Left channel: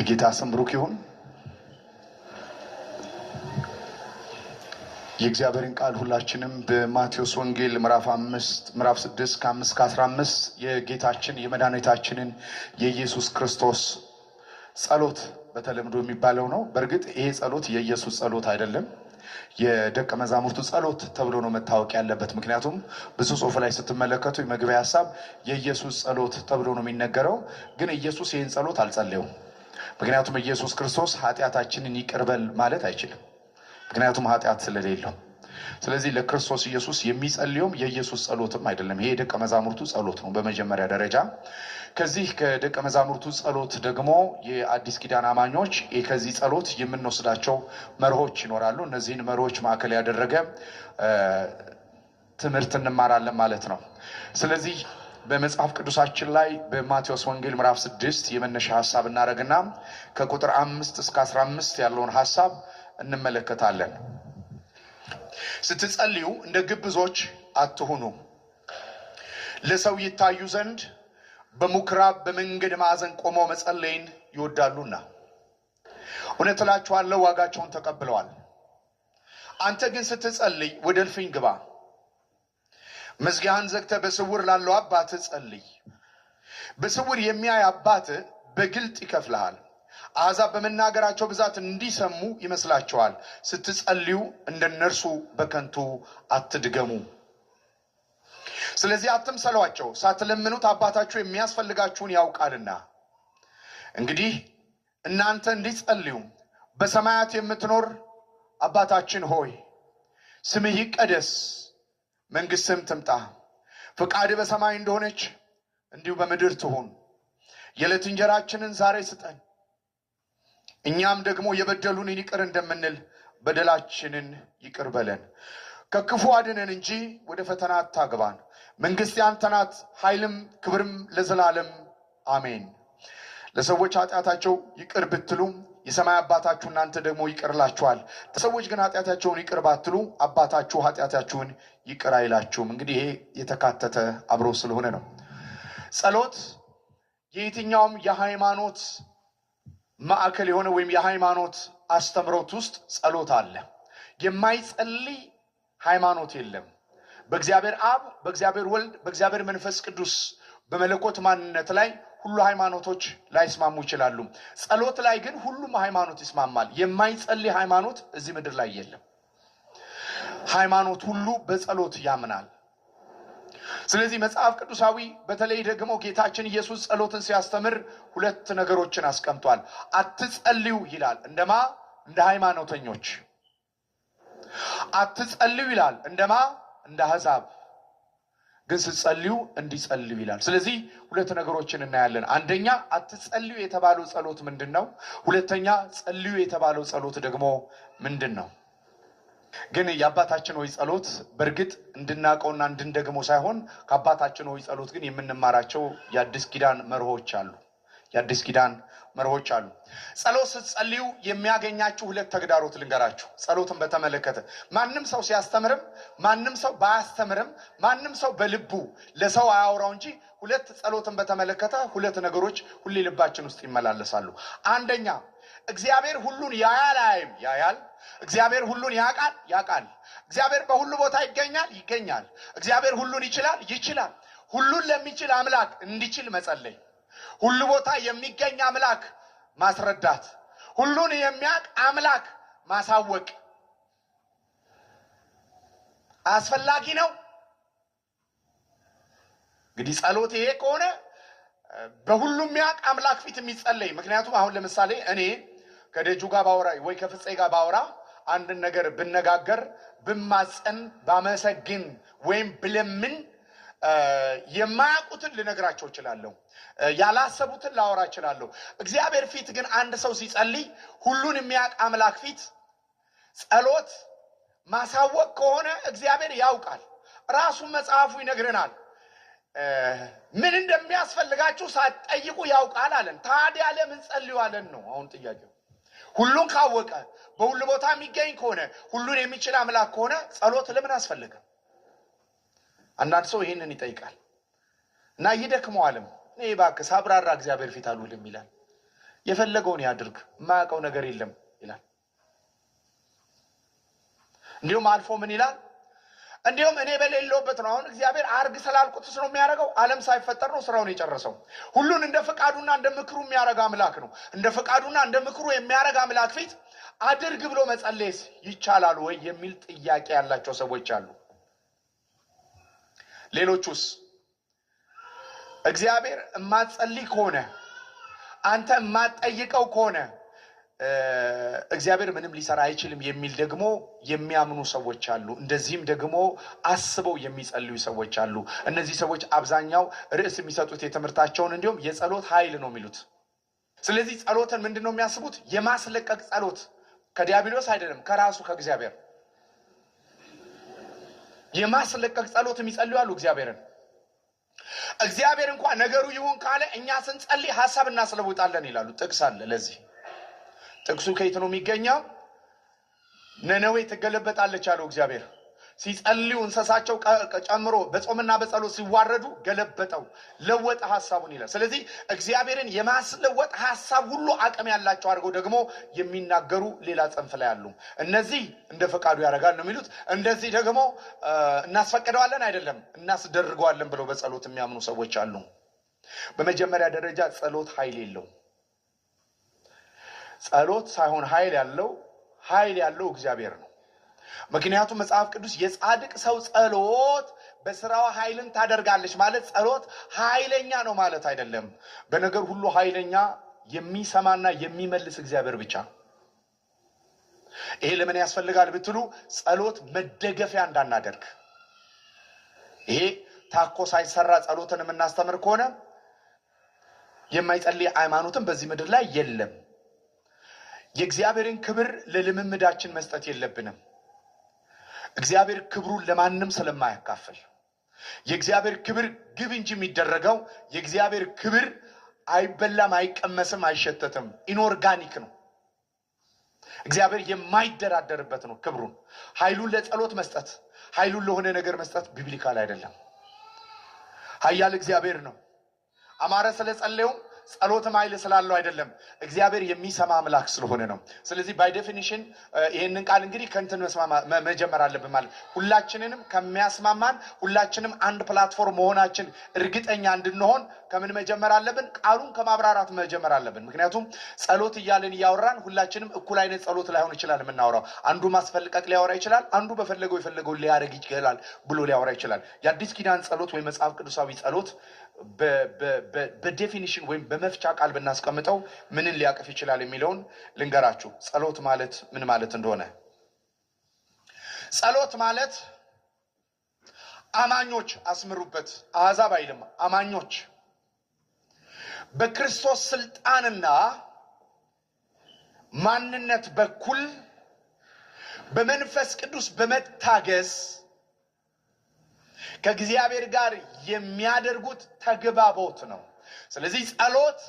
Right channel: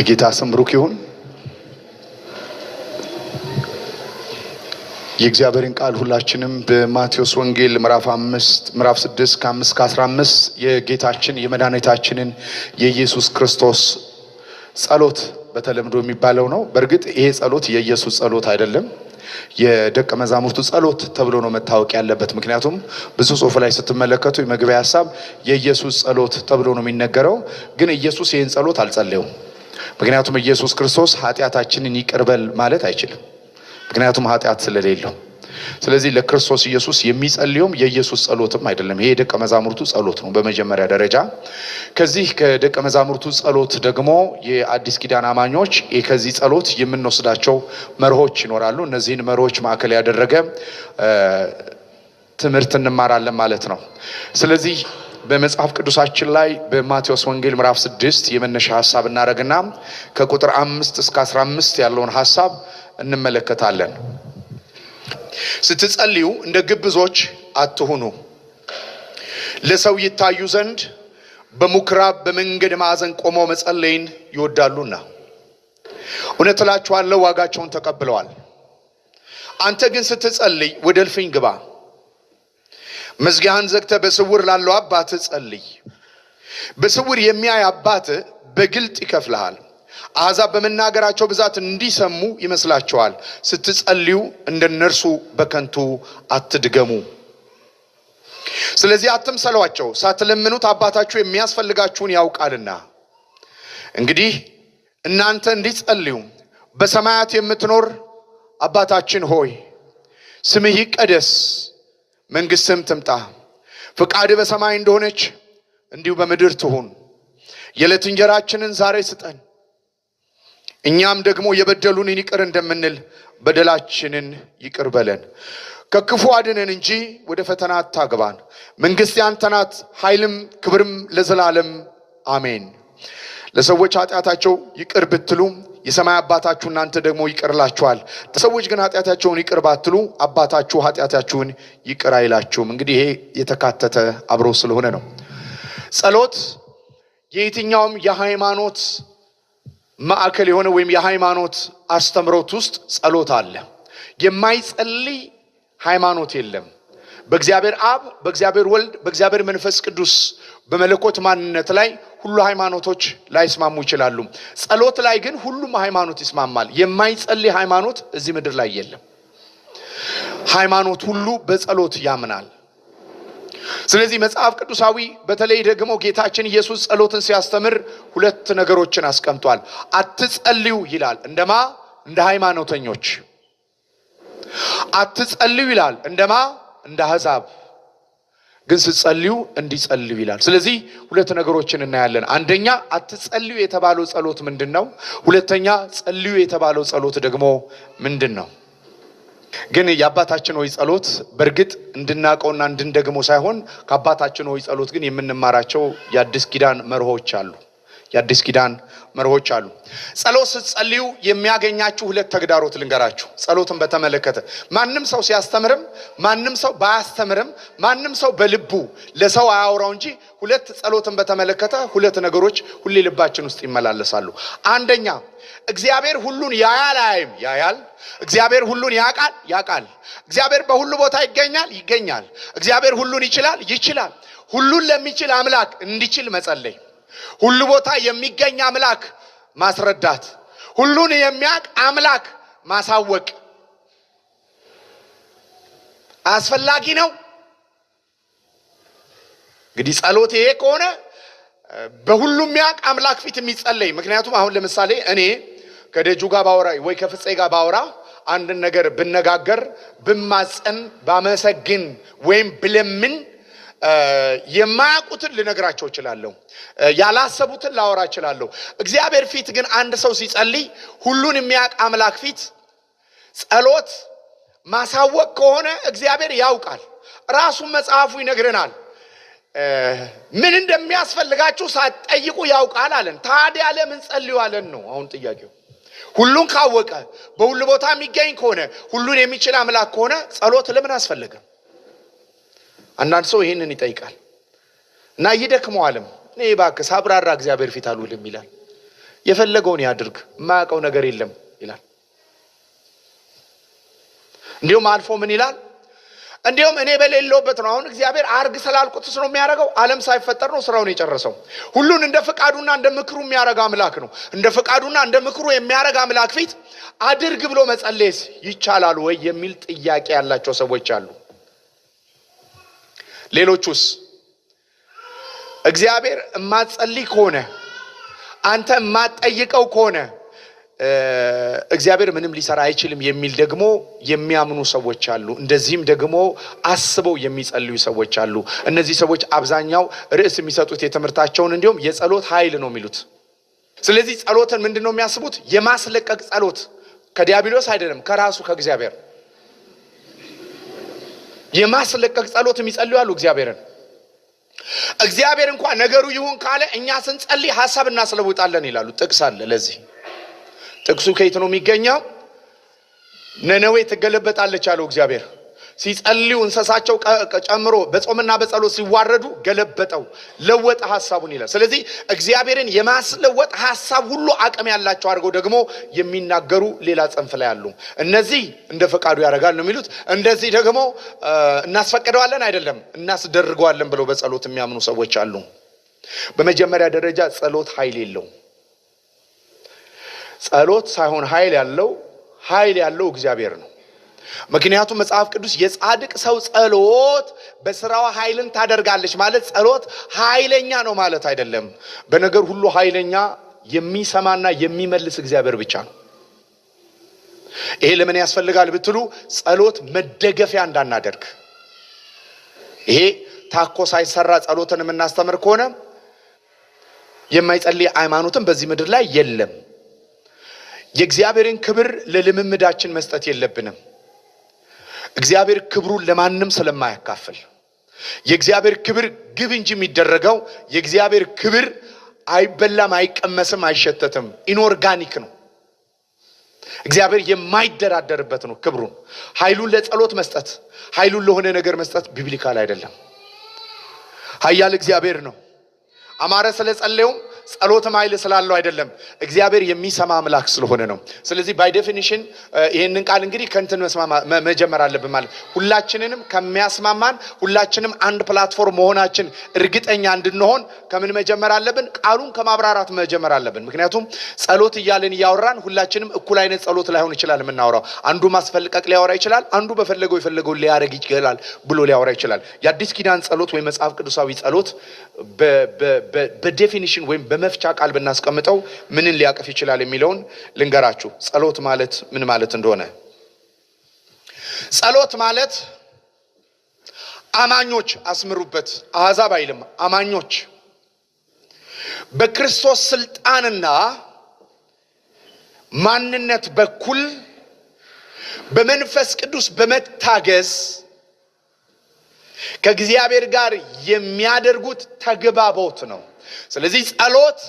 የጌታ ስም ብሩክ ይሁን። የእግዚአብሔርን ቃል ሁላችንም በማቴዎስ ወንጌል ምዕራፍ 6 ከ5-15 የጌታችን የመድኃኒታችንን የኢየሱስ ክርስቶስ ጸሎት በተለምዶ የሚባለው ነው። በእርግጥ ይሄ ጸሎት የኢየሱስ ጸሎት አይደለም፣ የደቀ መዛሙርቱ ጸሎት ተብሎ ነው መታወቅ ያለበት። ምክንያቱም ብዙ ጽሑፍ ላይ ስትመለከቱ የመግቢያ ሐሳብ የኢየሱስ ጸሎት ተብሎ ነው የሚነገረው። ግን ኢየሱስ ይህን ጸሎት አልጸለየውም። ምክንያቱም ኢየሱስ ክርስቶስ ኃጢአታችንን ይቅር በል ማለት አይችልም፣ ምክንያቱም ኃጢአት ስለሌለው። ስለዚህ ለክርስቶስ ኢየሱስ የሚጸልየውም የኢየሱስ ጸሎትም አይደለም። ይሄ የደቀ መዛሙርቱ ጸሎት ነው በመጀመሪያ ደረጃ። ከዚህ ከደቀ መዛሙርቱ ጸሎት ደግሞ የአዲስ ኪዳን አማኞች ከዚህ ጸሎት የምንወስዳቸው መርሆች ይኖራሉ። እነዚህን መርሆች ማዕከል ያደረገ ትምህርት እንማራለን ማለት ነው። ስለዚህ በመጽሐፍ ቅዱሳችን ላይ በማቴዎስ ወንጌል ምዕራፍ 6 የመነሻ ሐሳብ እናደርግና ከቁጥር 5-15 ያለውን ሐሳብ እንመለከታለን። ስትጸልዩ እንደ ግብዞች አትሁኑ፣ ለሰው ይታዩ ዘንድ በምኩራብ በመንገድ ማዕዘን ቆመው መጸለይን ይወዳሉና እውነት እላችኋለሁ ዋጋቸውን ተቀብለዋል። አንተ ግን ስትጸልይ ወደ እልፍኝ ግባ፣ መዝጊያህን ዘግተህ በስውር ላለው አባትህ ጸልይ። በስውር የሚያይ አባትህ በግልጥ ይከፍልሃል። አሕዛብ በመናገራቸው ብዛት እንዲሰሙ ይመስላቸዋል። ስትጸልዩ እንደነርሱ በከንቱ አትድገሙ። ስለዚህ አትምሰሏቸው፣ ሳትለምኑት አባታችሁ የሚያስፈልጋችሁን ያውቃልና። እንግዲህ እናንተ እንዲጸልዩ በሰማያት የምትኖር አባታችን ሆይ ስምህ ይቀደስ፣ መንግሥትህም ትምጣ፣ ፈቃድህ በሰማይ እንደሆነች እንዲሁ በምድር ትሁን። የዕለት እንጀራችንን ዛሬ ስጠን፣ እኛም ደግሞ የበደሉንን ይቅር እንደምንል በደላችንን ይቅር በለን፣ ከክፉ አድነን እንጂ ወደ ፈተና አታግባን፣ መንግሥት ያንተ ናት፣ ኃይልም ክብርም ለዘላለም አሜን። ለሰዎች ኃጢአታቸው ይቅር ብትሉ የሰማይ አባታችሁ እናንተ ደግሞ ይቅር ይላችኋል። ለሰዎች ግን ኃጢአታቸውን ይቅር ባትሉ አባታችሁ ኃጢአታችሁን ይቅር አይላችሁም። እንግዲህ ይሄ የተካተተ አብሮ ስለሆነ ነው። ጸሎት የየትኛውም የሃይማኖት ማዕከል የሆነ ወይም የሃይማኖት አስተምሮት ውስጥ ጸሎት አለ። የማይጸልይ ሃይማኖት የለም። በእግዚአብሔር አብ፣ በእግዚአብሔር ወልድ፣ በእግዚአብሔር መንፈስ ቅዱስ በመለኮት ማንነት ላይ ሁሉ ሃይማኖቶች ላይስማሙ ይችላሉ። ጸሎት ላይ ግን ሁሉም ሃይማኖት ይስማማል። የማይጸልይ ሃይማኖት እዚህ ምድር ላይ የለም። ሃይማኖት ሁሉ በጸሎት ያምናል። ስለዚህ መጽሐፍ ቅዱሳዊ በተለይ ደግሞ ጌታችን ኢየሱስ ጸሎትን ሲያስተምር ሁለት ነገሮችን አስቀምጧል። አትጸልዩ ይላል፣ እንደማ እንደ ሃይማኖተኞች። አትጸልዩ ይላል፣ እንደማ እንደ አሕዛብ። ግን ስትጸልዩ እንዲጸልዩ ይላል። ስለዚህ ሁለት ነገሮችን እናያለን። አንደኛ አትጸልዩ የተባለው ጸሎት ምንድን ነው? ሁለተኛ ጸልዩ የተባለው ጸሎት ደግሞ ምንድን ነው? ግን የአባታችን ሆይ ጸሎት በእርግጥ እንድናቀውና እንድንደግመው ሳይሆን ከአባታችን ሆይ ጸሎት ግን የምንማራቸው የአዲስ ኪዳን መርሆች አሉ። ጸሎት ስትጸልዩ የሚያገኛችሁ ሁለት ተግዳሮት ልንገራችሁ። ጸሎትን በተመለከተ ማንም ሰው ሲያስተምርም ማንም ሰው ባያስተምርም ማንም ሰው በልቡ ለሰው አያወራው እንጂ ሁለት ጸሎትን በተመለከተ ሁለት ነገሮች ሁሌ ልባችን ውስጥ ይመላለሳሉ። አንደኛ እግዚአብሔር ሁሉን ያያል አያይም? ያያል። እግዚአብሔር ሁሉን ያውቃል። እግዚአብሔር በሁሉ ቦታ ይገኛል። እግዚአብሔር ሁሉን ይችላል። ሁሉን ለሚችል አምላክ እንዲችል መጸለይ፣ ሁሉ ቦታ የሚገኝ አምላክ ማስረዳት፣ ሁሉን የሚያውቅ አምላክ ማሳወቅ አስፈላጊ ነው። እንግዲህ ጸሎት ይሄ ከሆነ በሁሉም የሚያውቅ አምላክ ፊት የሚጸለይ። ምክንያቱም አሁን ለምሳሌ እኔ ከደጁ ጋር ባወራ ወይ ከፍፄ ጋር ባወራ አንድን ነገር ብነጋገር፣ ብማጸን፣ ባመሰግን ወይም ብለምን የማያውቁትን ልነግራቸው እችላለሁ፣ ያላሰቡትን ላወራ እችላለሁ። እግዚአብሔር ፊት ግን አንድ ሰው ሲጸልይ ሁሉን የሚያውቅ አምላክ ፊት ጸሎት ማሳወቅ ከሆነ እግዚአብሔር ያውቃል። ራሱን መጽሐፉ ይነግረናል። ምን እንደሚያስፈልጋችሁ ሳትጠይቁ ያውቃል አለን። ታዲያ ለምን ጸልዩ አለን ነው አሁን ጥያቄው። ሁሉን ካወቀ በሁሉ ቦታ የሚገኝ ከሆነ ሁሉን የሚችል አምላክ ከሆነ ጸሎት ለምን አስፈለገ? አንዳንድ ሰው ይህንን ይጠይቃል እና ይደክመዋልም። እኔ እባክህ ሳብራራ እግዚአብሔር ፊት አልውልም ይላል። የፈለገውን ያድርግ ማያውቀው ነገር የለም ይላል። እንዲሁም አልፎ ምን ይላል? እንዲሁም እኔ በሌለውበት ነው። አሁን እግዚአብሔር አርግ ስላልኩት ነው የሚያደርገው። ዓለም ሳይፈጠር ነው ስራውን የጨረሰው። ሁሉን እንደ ፈቃዱና እንደ ምክሩ የሚያደርግ አምላክ ነው። እንደ ፈቃዱና እንደ ምክሩ የሚያደርግ አምላክ ፊት አድርግ ብሎ መጸለይስ ይቻላል ወይ የሚል ጥያቄ ያላቸው ሰዎች አሉ። ሌሎቹስ እግዚአብሔር የማትጸልይ ከሆነ አንተ የማትጠይቀው ከሆነ እግዚአብሔር ምንም ሊሰራ አይችልም የሚል ደግሞ የሚያምኑ ሰዎች አሉ። እንደዚህም ደግሞ አስበው የሚጸልዩ ሰዎች አሉ። እነዚህ ሰዎች አብዛኛው ርዕስ የሚሰጡት የትምህርታቸውን እንዲሁም የጸሎት ኃይል ነው የሚሉት። ስለዚህ ጸሎትን ምንድነው የሚያስቡት? የማስለቀቅ ጸሎት ከዲያብሎስ አይደለም፣ ከራሱ ከእግዚአብሔር የማስለቀቅ ጸሎት የሚጸልዩ አሉ። እግዚአብሔር እንኳን ነገሩ ይሁን ካለ እኛ ስንጸልይ ሐሳብ እናስለውጣለን ይላሉ። ጥቅስ አለ ለዚህ። ጥቅሱ ከየት ነው የሚገኘው? ነነዌ ትገለበጣለች አለው እግዚአብሔር። ሲጸልዩ እንስሳቸው ጨምሮ በጾምና በጸሎት ሲዋረዱ ገለበጠው፣ ለወጠ ሐሳቡን ይላል። ስለዚህ እግዚአብሔርን የማስለወጥ ሐሳብ ሁሉ አቅም ያላቸው አድርገው ደግሞ የሚናገሩ ሌላ ጽንፍ ላይ አሉ። እነዚህ እንደ ፈቃዱ ያደርጋል ነው የሚሉት። እንደዚህ ደግሞ እናስፈቅደዋለን አይደለም እናስደርገዋለን ብለው በጸሎት የሚያምኑ ሰዎች አሉ። በመጀመሪያ ደረጃ ጸሎት ኃይል የለው። ጸሎት ሳይሆን ኃይል ያለው እግዚአብሔር ነው። ምክንያቱም መጽሐፍ ቅዱስ የጻድቅ ሰው ጸሎት በስራዋ ኃይልን ታደርጋለች ማለት ጸሎት ኃይለኛ ነው ማለት አይደለም። በነገር ሁሉ ኃይለኛ የሚሰማና የሚመልስ እግዚአብሔር ብቻ ነው። ይሄ ለምን ያስፈልጋል ብትሉ ጸሎት መደገፊያ እንዳናደርግ። ይሄ ታኮ ሳይሰራ ጸሎትን የምናስተምር ከሆነ የማይጸልይ ሃይማኖትም በዚህ ምድር ላይ የለም። የእግዚአብሔርን ክብር ለልምምዳችን መስጠት የለብንም። እግዚአብሔር ክብሩን ለማንም ስለማያካፍል የእግዚአብሔር ክብር ግብ እንጂ የሚደረገው የእግዚአብሔር ክብር አይበላም፣ አይቀመስም፣ አይሸተትም። ኢንኦርጋኒክ ነው። እግዚአብሔር የማይደራደርበት ነው። ክብሩን ኃይሉን ለጸሎት መስጠት፣ ኃይሉን ለሆነ ነገር መስጠት ቢብሊካል አይደለም። ኃያል እግዚአብሔር ነው። አማረ ስለጸለየው ጸሎትም ኃይል ስላለው አይደለም፣ እግዚአብሔር የሚሰማ አምላክ ስለሆነ ነው። ስለዚህ ባይ ዴፊኒሽን ይሄንን ቃል እንግዲህ ከእንትን መጀመር አለብን ማለት ሁላችንንም ከሚያስማማን ሁላችንም አንድ ፕላትፎርም መሆናችን እርግጠኛ እንድንሆን ከምን መጀመር አለብን? ቃሉን ከማብራራት መጀመር አለብን። ምክንያቱም ጸሎት እያልን እያወራን ሁላችንም እኩል አይነት ጸሎት ላይሆን ይችላል የምናወራው። አንዱ ማስፈልቀቅ ሊያወራ ይችላል፣ አንዱ የፈለገውን ሊያረግ ይችላል ብሎ ሊያወራ ይችላል። የአዲስ ኪዳን ጸሎት ወይ መጽሐፍ ቅዱሳዊ ጸሎት በዴፊኒሽን ወይም በመፍቻ ቃል ብናስቀምጠው ምንን ሊያቀፍ ይችላል የሚለውን ልንገራችሁ። ጸሎት ማለት ምን ማለት እንደሆነ። ጸሎት ማለት አማኞች፣ አስምሩበት፣ አሕዛብ አይልም፣ አማኞች በክርስቶስ ስልጣንና ማንነት በኩል በመንፈስ ቅዱስ በመታገዝ ከእግዚአብሔር ጋር የሚያደርጉት ተግባቦት ነው። ስለዚህ ጸሎት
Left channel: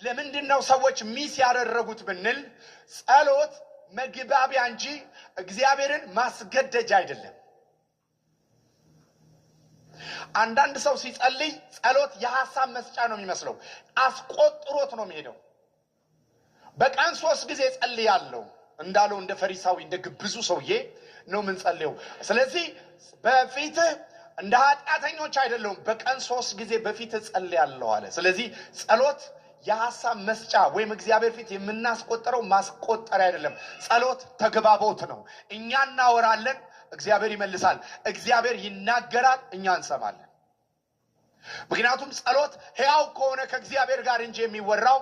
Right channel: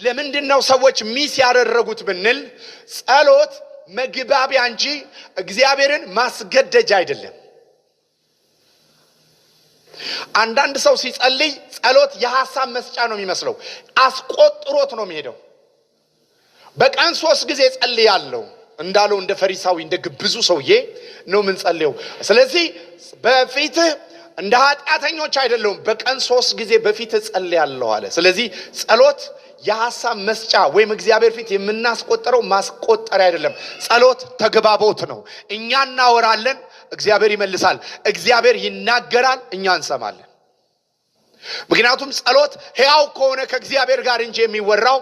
ለምንድነው ሰዎች ሚስ ያደረጉት ብንል ጸሎት መግባቢያ እንጂ እግዚአብሔርን ማስገደጃ አይደለም። አንዳንድ ሰው ሲጸልይ ጸሎት የሐሳብ መስጫ ነው የሚመስለው። አስቆጥሮት ነው የሚሄደው። በቀን 3 ጊዜ ጸልያለሁ እንዳለው እንደ ፈሪሳዊ እንደ ግብዙ ሰውዬ ነው ምን ጸልየው። ስለዚህ በፊትህ እንደ ኃጢአተኞች አይደለም፣ በቀን 3 ጊዜ በፊት ጸልያለሁ አለ። ስለዚህ ጸሎት የሐሳብ መስጫ ወይም እግዚአብሔር ፊት የምናስቆጠረው ማስቆጠሪያ አይደለም። ጸሎት ተግባቦት ነው። እኛ እናወራለን፣ እግዚአብሔር ይመልሳል። እግዚአብሔር ይናገራል፣ እኛ እንሰማለን። ምክንያቱም ጸሎት ሕያው ከሆነ ከእግዚአብሔር ጋር እንጂ የሚወራው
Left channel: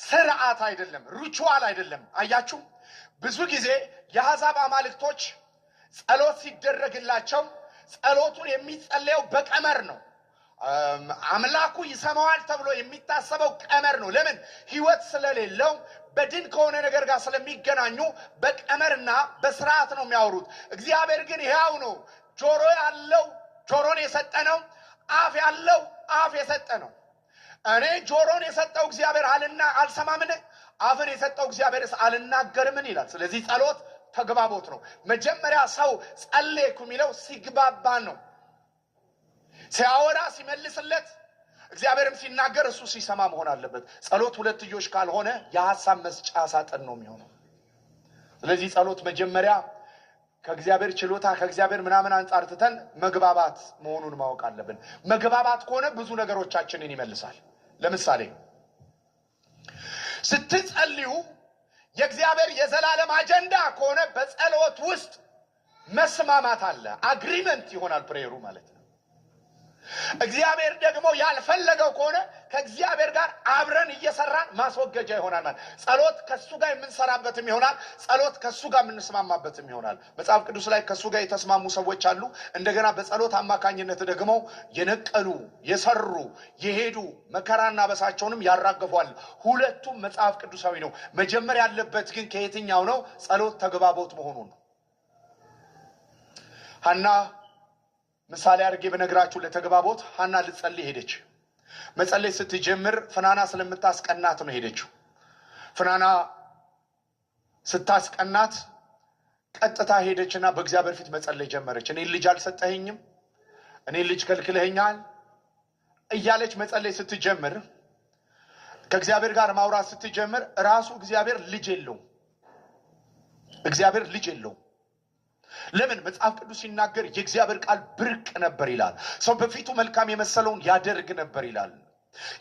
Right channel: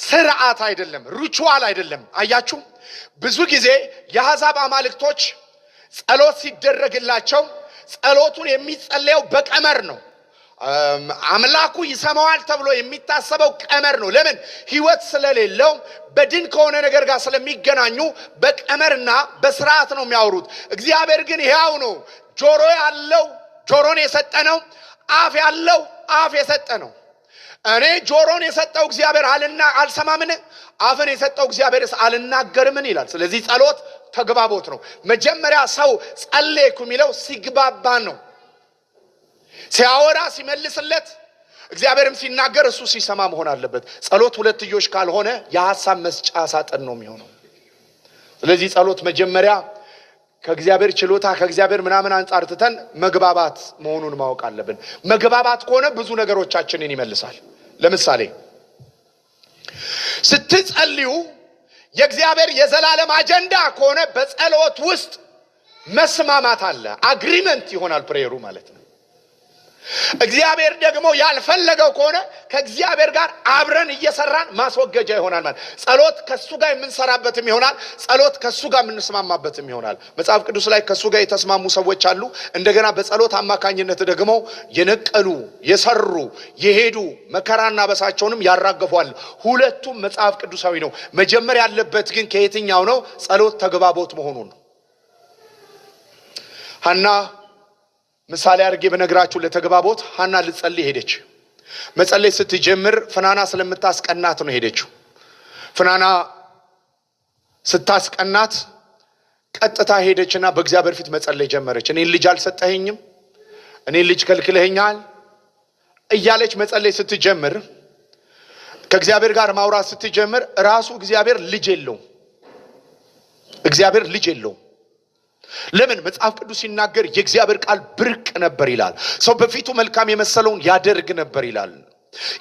ስርዓት አይደለም፣ ሪቹዋል አይደለም። አያችሁ፣ ብዙ ጊዜ የአሕዛብ አማልክቶች ጸሎት ሲደረግላቸው ጸሎቱን የሚጸለየው በቀመር ነው። አምላኩ ይሰማዋል ተብሎ የሚታሰበው ቀመር ነው። ለምን? ሕይወት ስለሌለው በድን ከሆነ ነገር ጋር ስለሚገናኙ በቀመርና በስርዓት ነው የሚያወሩት። እግዚአብሔር ግን ሕያው ነው። ጆሮ ያለው ጆሮን የሰጠ ነው። አፍ ያለው አፍ የሰጠ ነው። እኔ ጆሮን የሰጠው እግዚአብሔር አልሰማምን? አፍን የሰጠው እግዚአብሔር አልናገርምን ይላል። ስለዚህ ጸሎት ተግባቦት ነው። መጀመሪያ ሰው ጸለይኩ የሚለው ሲግባባ ነው። ሲያወራ ሲመልስለት እግዚአብሔርም ሲናገር እሱ ሲሰማ መሆን አለበት። ጸሎት ሁለትዮሽ ካልሆነ የሐሳብ መስጫ ሳጥን ነው የሚሆነው። ስለዚህ ጸሎት መጀመሪያ ከእግዚአብሔር ችሎታ ከእግዚአብሔር ምናምን አንፃር ትተን መግባባት መሆኑን ማወቅ አለብን። መግባባት ከሆነ ብዙ ነገሮቻችንን ይመልሳል። ለምሳሌ ስትጸልዩ የእግዚአብሔር የዘላለም አጀንዳ ከሆነ በጸሎት ውስጥ መስማማት አለ። አግሪመንት ይሆናል ፕሬየሩ ማለት ነው። እግዚአብሔር ደግሞ ያልፈለገው ከሆነ ከእግዚአብሔር ጋር አብረን እየሰራን ማስወገጃ ይሆናል ማለት። ጸሎት ከሱ ጋር የምንሰራበትም ይሆናል፣ ጸሎት ከሱ ጋር የምንስማማበትም ይሆናል። መጽሐፍ ቅዱስ ላይ ከሱ ጋር የተስማሙ ሰዎች አሉ። እንደገና በጸሎት አማካኝነት ደግሞ የነቀሉ የሰሩ የሄዱ መከራና በሳቸውንም ያራገፏል። ሁለቱም መጽሐፍ ቅዱሳዊ ነው። መጀመሪያ ያለበት ግን ከየትኛው ነው? ጸሎት ተግባቦት መሆኑን ነው። ሐና ምሳሌ አድርጌ በነግራችሁ ለተግባቦት ሐና ልጸልይ ሄደች። መጸለይ ስትጀምር ፍናና ስለምታስቀናት ነው ሄደችው። ፍናና ስታስቀናት ቀጥታ ሄደችና በእግዚአብሔር ፊት መጸለይ ጀመረች። እኔን ልጅ አልሰጠኸኝም፣ እኔን ልጅ ከልክለኸኛል እያለች መጸለይ ስትጀምር፣ ከእግዚአብሔር ጋር ማውራት ስትጀምር ራሱ እግዚአብሔር ልጅ የለውም። እግዚአብሔር ልጅ የለውም። ለምን? መጽሐፍ ቅዱስ ሲናገር የእግዚአብሔር ቃል ብርቅ ነበር ይላል። ሰው በፊቱ መልካም የመሰለውን ያደርግ ነበር ይላል።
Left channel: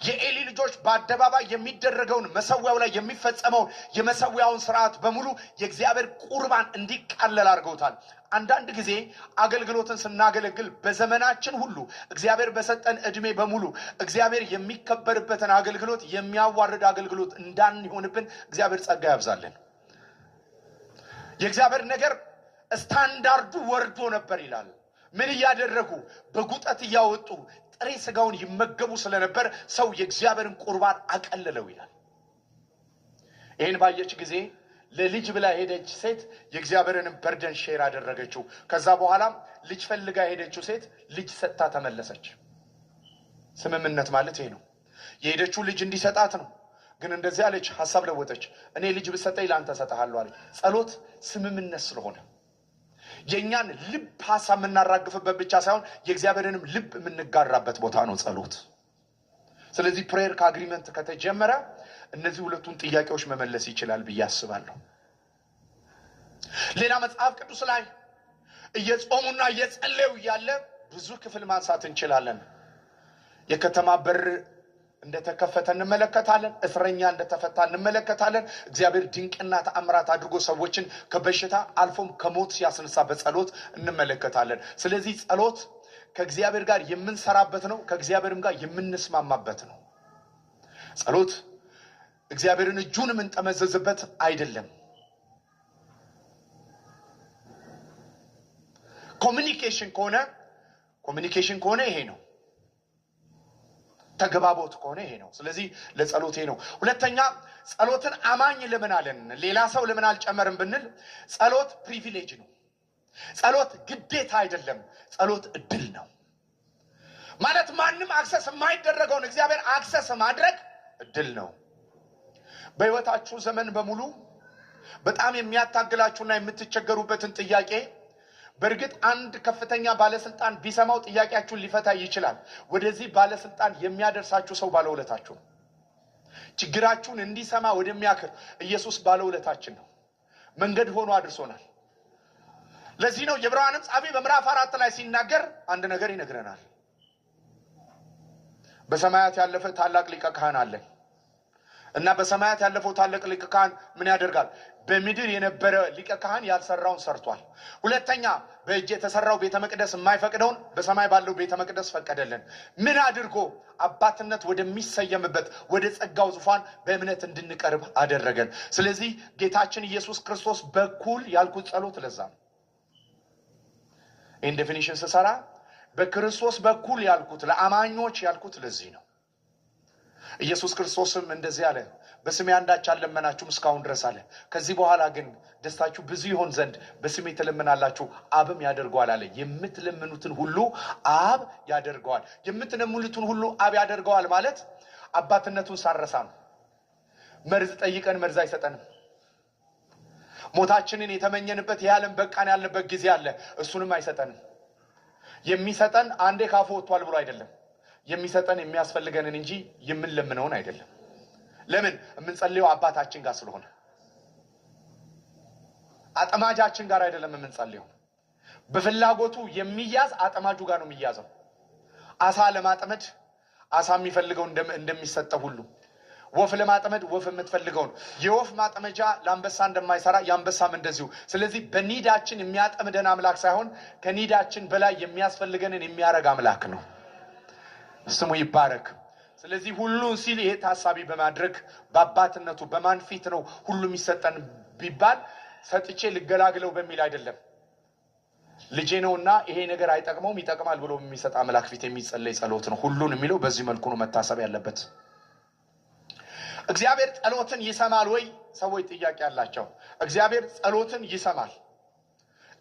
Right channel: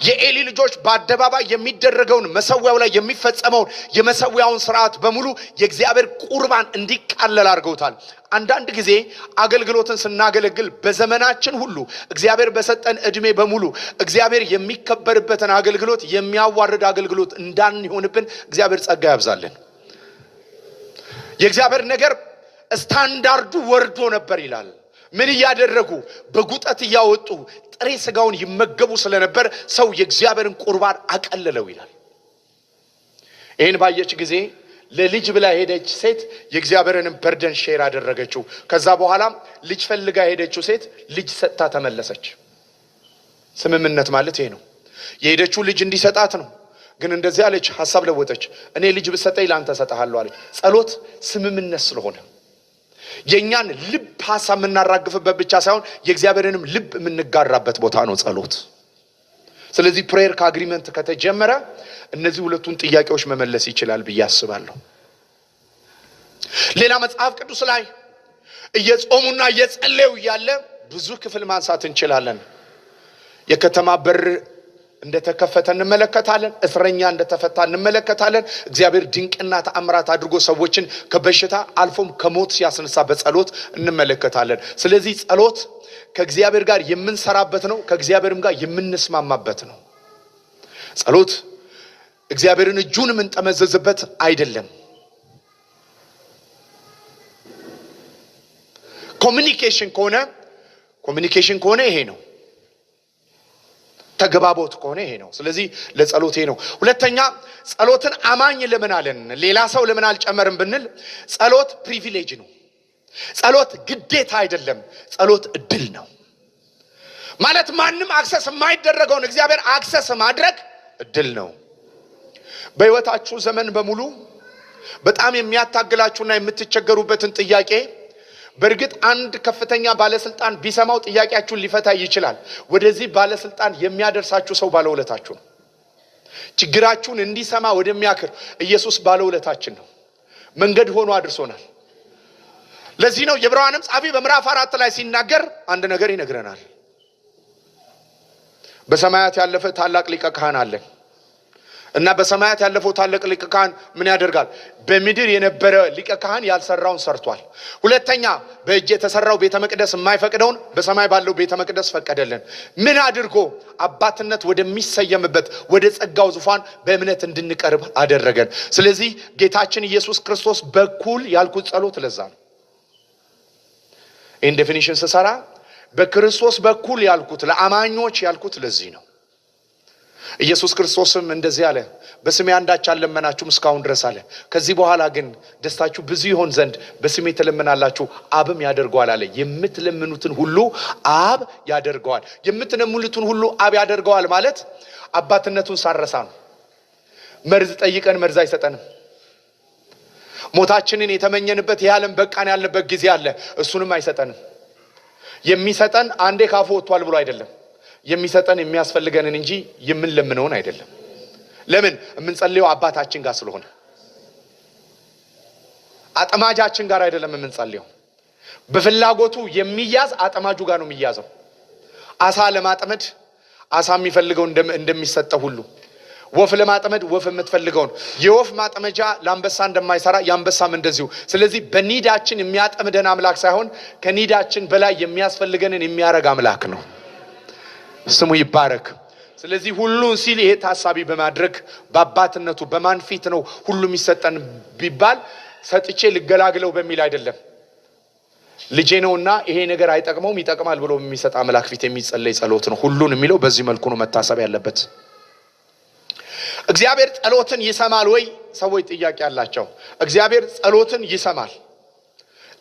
የኤሊ ልጆች በአደባባይ የሚደረገውን መሰዊያው ላይ የሚፈጸመውን የመሰዊያውን ስርዓት በሙሉ የእግዚአብሔር ቁርባን እንዲቃለል አድርገውታል። አንዳንድ ጊዜ አገልግሎትን ስናገለግል በዘመናችን ሁሉ እግዚአብሔር በሰጠን እድሜ በሙሉ እግዚአብሔር የሚከበርበትን አገልግሎት የሚያዋርድ አገልግሎት እንዳንሆንብን እግዚአብሔር ጸጋ ያብዛልን። የእግዚአብሔር ነገር ስታንዳርዱ ወርዶ ነበር ይላል። ምን እያደረጉ? በጉጠት እያወጡ ጥሬ ስጋውን ይመገቡ ስለነበር ሰው የእግዚአብሔርን ቁርባን አቀለለው ይላል። ይህን ባየች ጊዜ ለልጅ ብላ ሄደች ሴት የእግዚአብሔርንም በርደን ሼር አደረገችው። ከዛ በኋላ ልጅ ፈልጋ ሄደችው ሴት ልጅ ሰጥታ ተመለሰች። ስምምነት ማለት ይሄ ነው። የሄደችው ልጅ እንዲሰጣት ነው። ግን እንደዚህ አለች፣ ሐሳብ ለወጠች። እኔ ልጅ ብሰጠኝ ላንተ ሰጣለሁ አለች። ጸሎት ስምምነት ስለሆነ የኛን ልብ ሐሳብ የምናራግፍበት ብቻ ሳይሆን የእግዚአብሔርንም ልብ የምንጋራበት ቦታ ነው ጸሎት። ስለዚህ ፕሬየር ከአግሪመንት ከተጀመረ እነዚህ ሁለቱን ጥያቄዎች መመለስ ይችላል ብዬ አስባለሁ። ሌላ መጽሐፍ ቅዱስ ላይ እየጾሙና እየጸለዩ ያለ ብዙ ክፍል ማንሳት እንችላለን። የከተማ በር እንደተከፈተ እንመለከታለን። እስረኛ እንደተፈታ እንመለከታለን። እግዚአብሔር ድንቅና ተአምራት አድርጎ ሰዎችን ከበሽታ አልፎም ከሞት ሲያስነሳ በጸሎት እንመለከታለን። ስለዚህ ጸሎት ከእግዚአብሔር ጋር የምንሰራበት ነው፣ ከእግዚአብሔርም ጋር የምንስማማበት ነው። ጸሎት እግዚአብሔርን እጁን የምንጠመዘዝበት አይደለም። ኮሚኒኬሽን ከሆነ ይሄ ነው። ተግባቦት ከሆነ ይሄ ነው። ስለዚህ ለጸሎት ይሄ ነው። ሁለተኛ ጸሎትን አማኝ ለምን አለን? ሌላ ሰው ለምን አልጨመርም ብንል ጸሎት ፕሪቪሌጅ ነው። ጸሎት ግዴታ አይደለም። ጸሎት እድል ነው ማለት ማንም አክሰስ የማይደረገውን እግዚአብሔር አክሰስ ማድረግ እድል ነው። በህይወታችሁ ዘመን በሙሉ በጣም የሚያታግላችሁና የምትቸገሩበትን ጥያቄ በእርግጥ አንድ ከፍተኛ ባለስልጣን ቢሰማው ጥያቄያችሁን ሊፈታ ይችላል። ወደዚህ ባለስልጣን የሚያደርሳችሁ ሰው ባለውለታችሁ ነው። ችግራችሁን እንዲሰማ ወደሚያክር ኢየሱስ ባለውለታችን ነው። መንገድ ሆኖ አድርሶናል። ለዚህ ነው የዕብራውያን ጸሐፊ በምዕራፍ 4 ላይ ሲናገር አንድ ነገር ይነግረናል። በሰማያት ያለፈ ታላቅ ሊቀ ካህን አለ እና በሰማያት ያለፈው ታላቅ ሊቀ ካህን ምን ያደርጋል? በምድር የነበረ ሊቀ ካህን ያልሰራውን ሰርቷል። ሁለተኛ በእጅ የተሰራው ቤተ መቅደስ የማይፈቅደውን በሰማይ ባለው ቤተ መቅደስ ፈቀደልን። ምን አድርጎ? አባትነት ወደሚሰየምበት ወደ ጸጋው ዙፋን በእምነት እንድንቀርብ አደረገን። ስለዚህ ጌታችን ኢየሱስ ክርስቶስ በኩል ያልኩት ጸሎት ለዛ ነው። ይህን ዴፊኒሽን ስሰራ በክርስቶስ በኩል ያልኩት ለአማኞች ያልኩት ለዚህ ነው። ኢየሱስ ክርስቶስም እንደዚህ አለ፣ በስሜ አንዳች አልለመናችሁም እስካሁን ድረስ አለ። ከዚህ በኋላ ግን ደስታችሁ ብዙ ይሆን ዘንድ በስሜ ትለምናላችሁ፣ አብም ያደርገዋል አለ። የምትለምኑትን ሁሉ አብ ያደርገዋል። የምትለምኑትን ሁሉ አብ ያደርገዋል ማለት አባትነቱን ሳረሳ ነው። መርዝ ጠይቀን መርዝ አይሰጠንም። ሞታችንን የተመኘንበት የዓለም በቃን ያለበት ጊዜ አለ፣ እሱንም አይሰጠንም። የሚሰጠን አንዴ ካፉ ወጥቷል ብሎ አይደለም፣ የሚሰጠን የሚያስፈልገንን እንጂ የምንለምነውን አይደለም። ለምን? የምንጸልየው አባታችን ጋር ስለሆነ አጥማጃችን ጋር አይደለም የምንጸልየው። በፍላጎቱ የሚያዝ አጥማጁ ጋር ነው የሚያዘው። አሳ ለማጥመድ አሳ የሚፈልገው እንደሚሰጠው ሁሉ ወፍ ለማጥመድ ወፍ የምትፈልገው ነው። የወፍ ማጥመጃ ለአንበሳ እንደማይሰራ ያንበሳም እንደዚሁ። ስለዚህ በኒዳችን የሚያጠምደን አምላክ ሳይሆን ከኒዳችን በላይ የሚያስፈልገንን የሚያረግ አምላክ ነው። ስሙ ይባረክ። ስለዚህ ሁሉን ሲል ይሄ ታሳቢ በማድረግ በአባትነቱ በማን ፊት ነው ሁሉ የሚሰጠን ቢባል ሰጥቼ ልገላግለው በሚል አይደለም። ልጄ ነውና ይሄ ነገር አይጠቅመውም ይጠቅማል ብሎ የሚሰጥ አምላክ ፊት የሚጸለይ ጸሎት ነው። ሁሉን የሚለው በዚህ መልኩ ነው መታሰብ ያለበት። እግዚአብሔር ጸሎትን ይሰማል ወይ? ሰዎች ጥያቄ አላቸው። እግዚአብሔር ጸሎትን ይሰማል።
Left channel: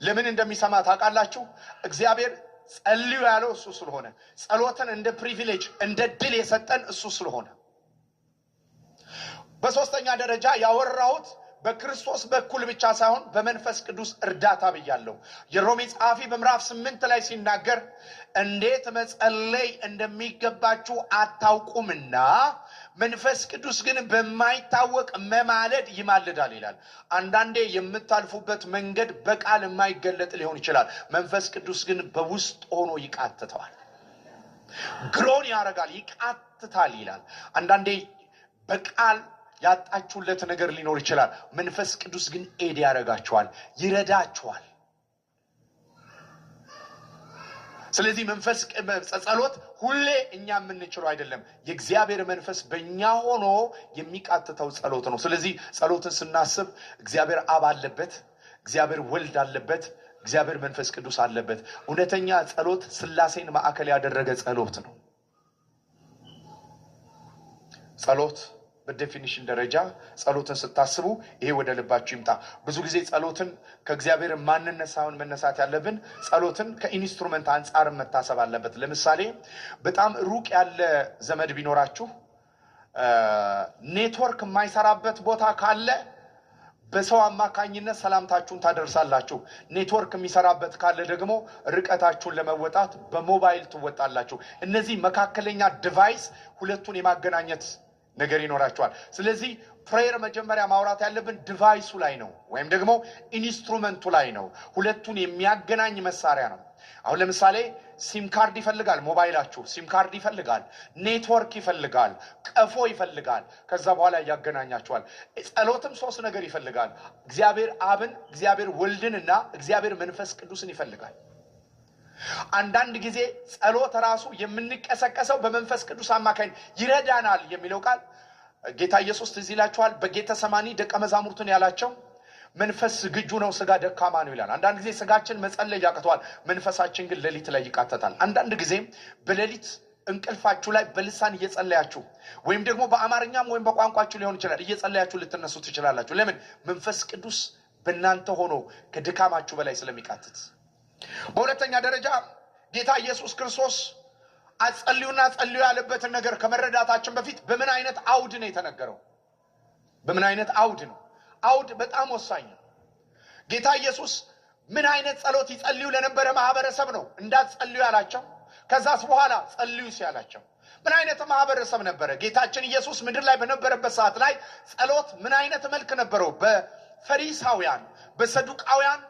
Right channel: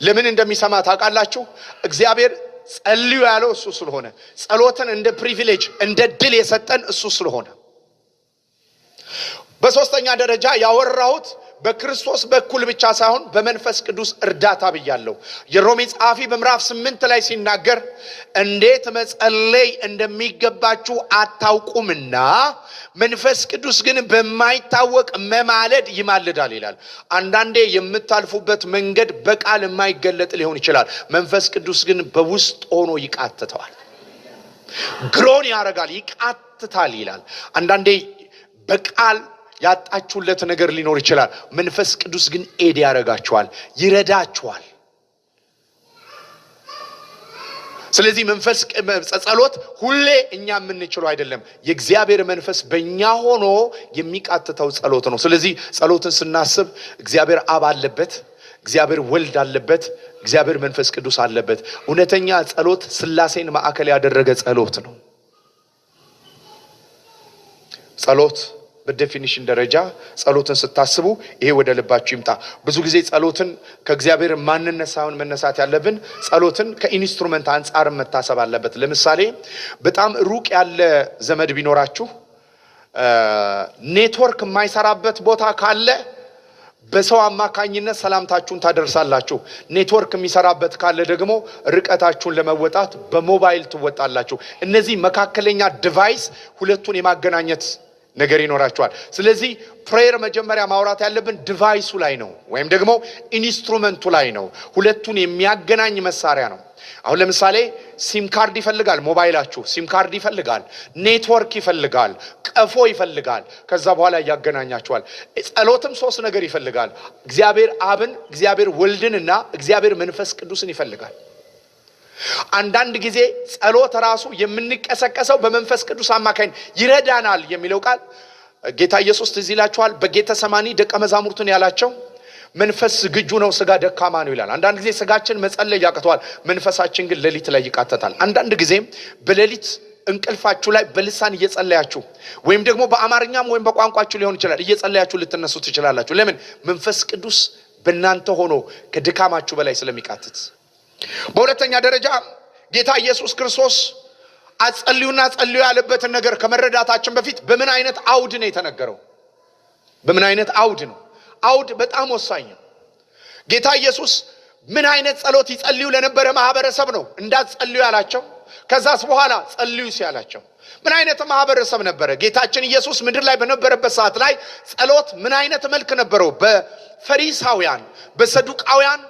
ለምን እንደሚሰማ ታውቃላችሁ? እግዚአብሔር ጸልዩ ያለው እሱ ስለሆነ፣ ጸሎትን እንደ ፕሪቪሌጅ እንደ ድል የሰጠን እሱ ስለሆነ። በሶስተኛ ደረጃ ያወራሁት በክርስቶስ በኩል ብቻ ሳይሆን በመንፈስ ቅዱስ እርዳታ ብያለሁ። የሮሜ ጸሐፊ በምዕራፍ 8 ላይ ሲናገር እንዴት መጸለይ እንደሚገባችሁ አታውቁምና መንፈስ ቅዱስ ግን በማይታወቅ መማለድ ይማልዳል ይላል። አንዳንዴ የምታልፉበት መንገድ በቃል የማይገለጥ ሊሆን ይችላል። መንፈስ ቅዱስ ግን በውስጥ ሆኖ ይቃትተዋል፣ ግሮን ያደርጋል፣ ይቃትታል ይላል። አንዳንዴ በቃል ያጣችሁለት ነገር ሊኖር ይችላል። መንፈስ ቅዱስ ግን ኤድ ያደርጋችኋል፣ ይረዳችኋል። ስለዚህ መንፈስ ጸሎት ሁሌ እኛ የምንችለው አይደለም። የእግዚአብሔር መንፈስ በእኛ ሆኖ የሚቃትተው ጸሎት ነው። ስለዚህ ጸሎትን ስናስብ እግዚአብሔር አብ አለበት፣ እግዚአብሔር ወልድ አለበት፣ እግዚአብሔር መንፈስ ቅዱስ አለበት። እውነተኛ ጸሎት ሥላሴን ማዕከል ያደረገ ጸሎት ነው። ጸሎት በዴፊኒሽን ደረጃ ጸሎትን ስታስቡ ይሄ ወደ ልባችሁ ይምጣ። ብዙ ጊዜ ጸሎትን ከእግዚአብሔር ማንነት ሳይሆን መነሳት ያለብን ጸሎትን ከኢንስትሩመንት አንጻር መታሰብ አለበት። ለምሳሌ በጣም ሩቅ ያለ ዘመድ ቢኖራችሁ ኔትወርክ የማይሰራበት ቦታ ካለ በሰው አማካኝነት ሰላምታችሁን ታደርሳላችሁ። ኔትወርክ የሚሰራበት ካለ ደግሞ ርቀታችሁን ለመወጣት በሞባይል ትወጣላችሁ። እነዚህ መካከለኛ ዲቫይስ ሁለቱን የማገናኘት ነገር ይኖራቸዋል። ስለዚህ ፕሬየር መጀመሪያ ማውራት ያለብን ዲቫይሱ ላይ ነው፣ ወይም ደግሞ ኢንስትሩመንቱ ላይ ነው። ሁለቱን የሚያገናኝ መሳሪያ ነው። አሁን ለምሳሌ ሲም ካርድ ይፈልጋል፣ ሞባይላችሁ ሲም ካርድ ይፈልጋል፣ ኔትወርክ ይፈልጋል፣ ቀፎ ይፈልጋል። ከዛ በኋላ ያገናኛቸዋል። ጸሎትም ሶስት ነገር ይፈልጋል። እግዚአብሔር አብን፣ እግዚአብሔር ወልድንና እግዚአብሔር መንፈስ ቅዱስን ይፈልጋል። አንዳንድ ጊዜ ጸሎት ራሱ የምንቀሰቀሰው በመንፈስ ቅዱስ አማካኝ ይረዳናል የሚለው ቃል ጌታ ኢየሱስ ትዝ ይላችኋል። በጌተሰማኒ ደቀ መዛሙርቱን ያላቸው መንፈስ ዝግጁ ነው፣ ስጋ ደካማ ነው ይላል። አንዳንድ ጊዜ ስጋችን መጸለይ ያቅተዋል፣ መንፈሳችን ግን ሌሊት ላይ ይቃተታል። አንዳንድ ጊዜ በሌሊት እንቅልፋችሁ ላይ በልሳን እየጸለያችሁ ወይም ደግሞ በአማርኛም ወይም በቋንቋችሁ ሊሆን ይችላል እየጸለያችሁ ልትነሱ ትችላላችሁ። ለምን? መንፈስ ቅዱስ በእናንተ ሆኖ ከድካማችሁ በላይ ስለሚቃትት። በሁለተኛ ደረጃ ጌታ ኢየሱስ ክርስቶስ አጸልዩና ጸልዩ ያለበትን ነገር ከመረዳታችን በፊት በምን አይነት አውድ ነው የተነገረው? በምን አይነት አውድ ነው? አውድ በጣም ወሳኝ ነው። ጌታ ኢየሱስ ምን አይነት ጸሎት ይጸልዩ ለነበረ ማህበረሰብ ነው እንዳትጸልዩ ያላቸው? ከዛስ በኋላ ጸልዩ ሲያላቸው ምን አይነት ማህበረሰብ ነበረ? ጌታችን ኢየሱስ ምድር ላይ በነበረበት ሰዓት ላይ ጸሎት ምን አይነት መልክ ነበረው? በፈሪሳውያን፣ በሰዱቃውያን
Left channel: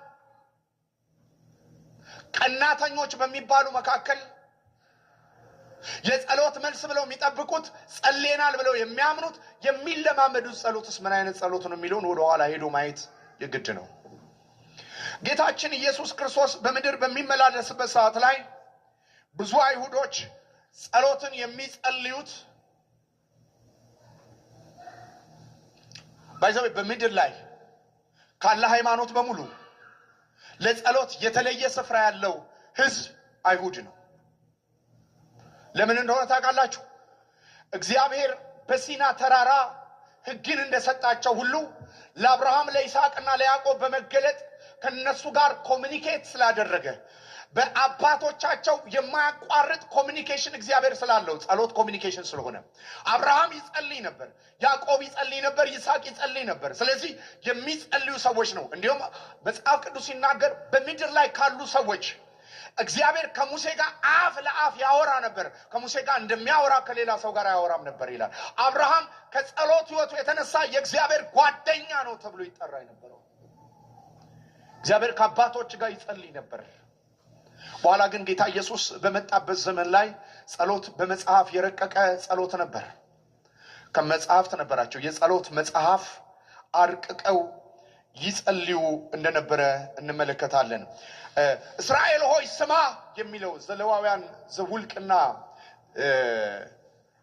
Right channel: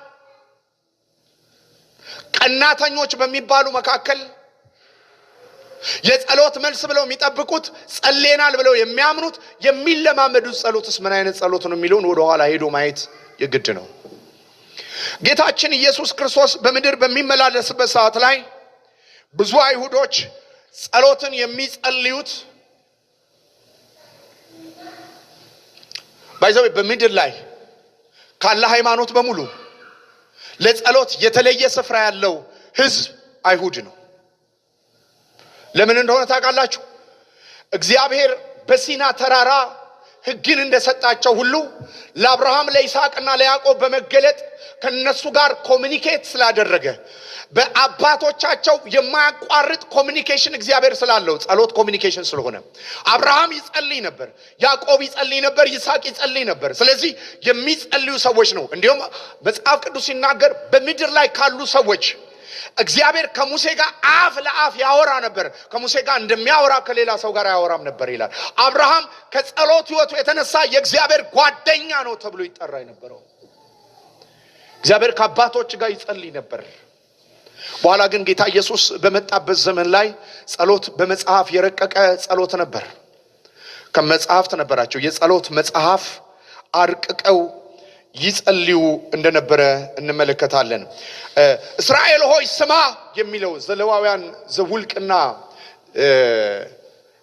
ቀናተኞች በሚባሉ መካከል የጸሎት መልስ ብለው የሚጠብቁት ጸልየናል ብለው የሚያምኑት የሚለማመዱት ጸሎትስ ምን አይነት ጸሎት ነው የሚለውን ወደ ኋላ ሄዶ ማየት የግድ ነው። ጌታችን ኢየሱስ ክርስቶስ በምድር በሚመላለስበት ሰዓት ላይ ብዙ አይሁዶች ጸሎትን የሚጸልዩት ባይዘው በምድር ላይ ካለ ሃይማኖት በሙሉ ለጸሎት የተለየ ስፍራ ያለው ህዝብ አይሁድ ነው። ለምን እንደሆነ ታውቃላችሁ? እግዚአብሔር በሲና ተራራ ሕግን እንደሰጣቸው ሁሉ ለአብርሃም ለይስሐቅና ለያዕቆብ በመገለጥ ከነሱ ጋር ኮሚኒኬት ስላደረገ በአባቶቻቸው የማያቋርጥ ኮሚኒኬሽን እግዚአብሔር ስላለው ጸሎት ኮሚኒኬሽን ስለሆነ አብርሃም ይጸልይ ነበር፣ ያዕቆብ ይጸልይ ነበር፣ ይስሐቅ ይጸልይ ነበር። ስለዚህ የሚጸልዩ ሰዎች ነው። እንዲሁም መጽሐፍ ቅዱስ ሲናገር በምድር ላይ ካሉ ሰዎች እግዚአብሔር ከሙሴ ጋር አፍ ለአፍ ያወራ ነበር። ከሙሴ ጋር እንደሚያወራ ከሌላ ሰው ጋር ያወራም ነበር ይላል። አብርሃም ከጸሎት ሕይወቱ የተነሳ የእግዚአብሔር ጓደኛ ነው ተብሎ ይጠራ የነበረው። እግዚአብሔር ከአባቶች ጋር ይጸልይ ነበር። በኋላ ግን ጌታ ኢየሱስ በመጣበት ዘመን ላይ ጸሎት በመጽሐፍ የረቀቀ ጸሎት ነበር። ከመጽሐፍት ነበራቸው የጸሎት መጽሐፍ አርቅቀው ይጸልዩ እንደነበረ እንመለከታለን። እስራኤል ሆይ ስማ የሚለው ዘሌዋውያን ዘኍልቍና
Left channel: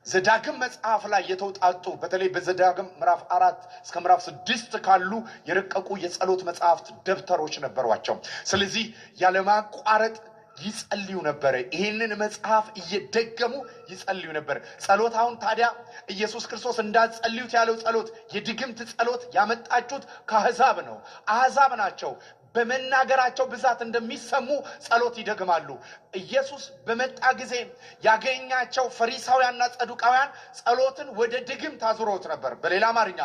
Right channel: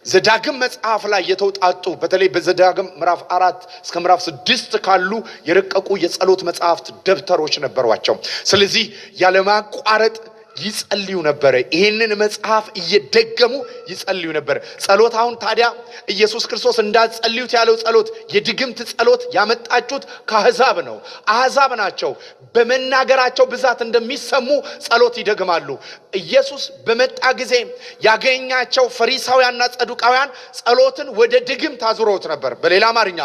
ዘዳግም መጽሐፍ ላይ የተውጣጡ በተለይ በዘዳግም ምዕራፍ 4 እስከ ምዕራፍ 6 ካሉ የረቀቁ የጸሎት መጽሐፍት ደብተሮች ነበሯቸው። ስለዚህ ያለማቋረጥ ይጸልዩ ነበር። ይሄንን መጽሐፍ እየደገሙ ይጸልዩ ነበር። ጸሎት አሁን ታዲያ ኢየሱስ ክርስቶስ እንዳጸልዩት ያለው ጸሎት የድግምት ጸሎት ያመጣጩት ከአሕዛብ ነው። አሕዛብ ናቸው በመናገራቸው ብዛት እንደሚሰሙ ጸሎት ይደግማሉ። ኢየሱስ በመጣ ጊዜ ያገኛቸው ፈሪሳውያንና ሰዱቃውያን ጸሎትን ወደ ድግምት አዙረውት ነበር። በሌላ አማርኛ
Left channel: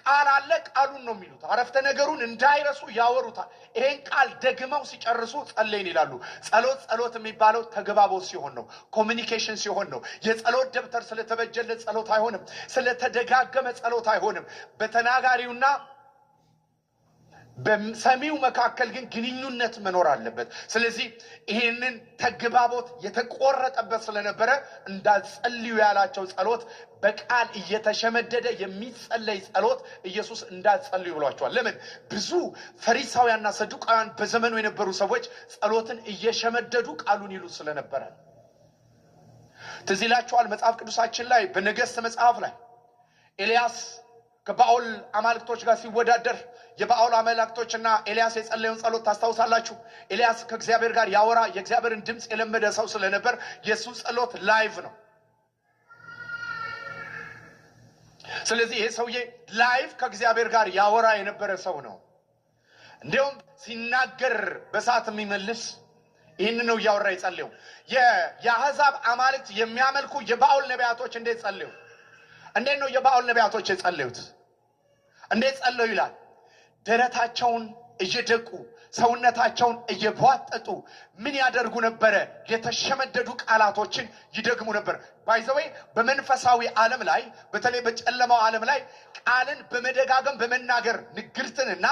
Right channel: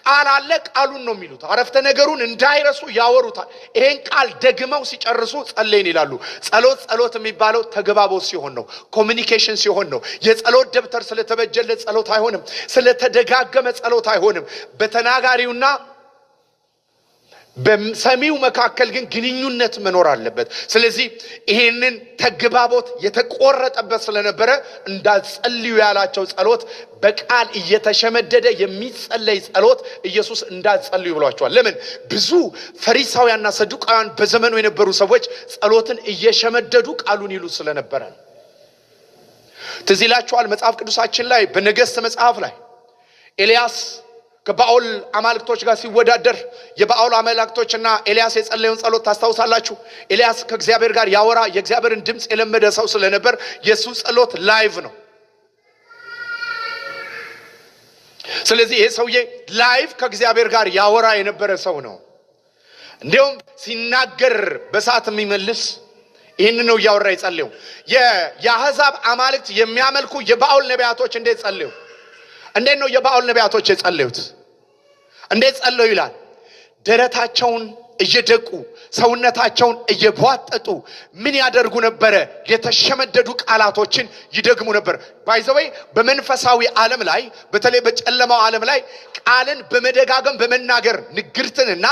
ቃል አለ፣ ቃሉን ነው የሚሉት። አረፍተ ነገሩን እንዳይረሱ ያወሩታል። ይሄን ቃል ደግመው ሲጨርሱ ጸለይን ይላሉ። ጸሎት የሚባለው ተግባቦት ሲሆን ነው፣ ኮሚኒኬሽን ሲሆን ነው። የጸሎት ደብተር ስለተበጀለት ጸሎት አይሆንም። ስለተደጋገመ ጸሎት አይሆንም። በተናጋሪውና በሰሚው መካከል ግን ግንኙነት መኖር አለበት። ስለዚህ ይሄንን ተግባቦት የተቆረጠበት ስለነበረ እንዳጸልዩ ያላቸው ጸሎት በቃል እየተሸመደደ የሚጸለይ ጸሎት ኢየሱስ እንዳጸልዩ ብሏቸዋል። ለምን? ብዙ ፈሪሳውያንና ሰዱቃውያን በዘመኑ የነበሩ ሰዎች ጸሎትን እየሸመደዱ ቃሉን ይሉ ስለነበረ። ትዝ ይላችኋል መጽሐፍ ቅዱሳችን ላይ በነገሥት መጽሐፍ ላይ ኤልያስ ከባኦል አማልክቶች ጋር ሲወዳደር የባኦል አማልክቶችና ኤልያስ የጸለየውን ጸሎት ታስታውሳላችሁ። ኤልያስ ከእግዚአብሔር ጋር ያወራ የእግዚአብሔርን ድምጽ የለመደ ሰው ስለነበር የሱ ጸሎት ላይቭ ነው። ስለዚህ ይሄ ሰውዬ ላይቭ ከእግዚአብሔር ጋር ያወራ የነበረ ሰው ነው። እንዲሁም ሲናገር በሰዓት የሚመልስ ይህን ነው እያወራ የጸለየው። የአሕዛብ አማልክት የሚያመልኩ የባኦል ነቢያቶች እንዴት ጸለዩ? እንዴት ነው የባኦል ነቢያቶች የጸለዩት? እንዴት ጸለዩ ይላል? ደረታቸውን እየደቁ ሰውነታቸውን እየቧጠጡ ምን ያደርጉ ነበረ? የተሸመደዱ ቃላቶችን ይደግሙ ነበር። ባይዘወይ በመንፈሳዊ ዓለም ላይ በተለይ በጨለማው ዓለም ላይ ቃልን በመደጋገም በመናገር ንግርትንና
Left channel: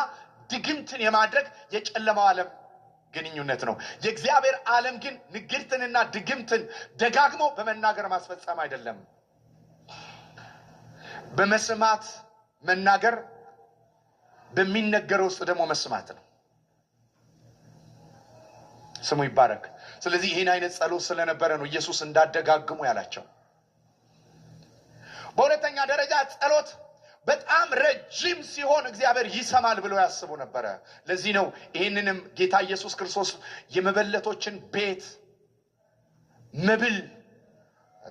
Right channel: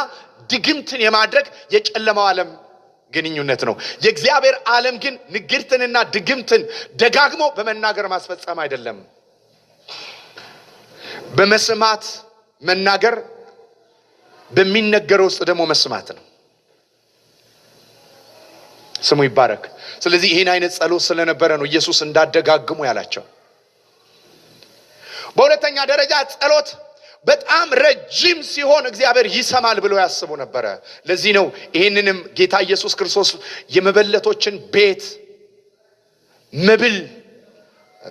ድግምትን የማድረግ የጨለማው ዓለም ግንኙነት ነው። የእግዚአብሔር ዓለም ግን ንግርትንና ድግምትን ደጋግሞ በመናገር ማስፈጸም አይደለም። በመስማት መናገር፣ በሚነገረው ውስጥ ደግሞ መስማት ነው። ስሙ ይባረክ። ስለዚህ ይህን አይነት ጸሎት ስለነበረ ነው ኢየሱስ እንዳደጋግሙ ያላቸው። በሁለተኛ ደረጃ ጸሎት በጣም ረጅም ሲሆን እግዚአብሔር ይሰማል ብሎ ያስቡ ነበረ። ለዚህ ነው ይህንንም ጌታ ኢየሱስ ክርስቶስ የመበለቶችን ቤት መብል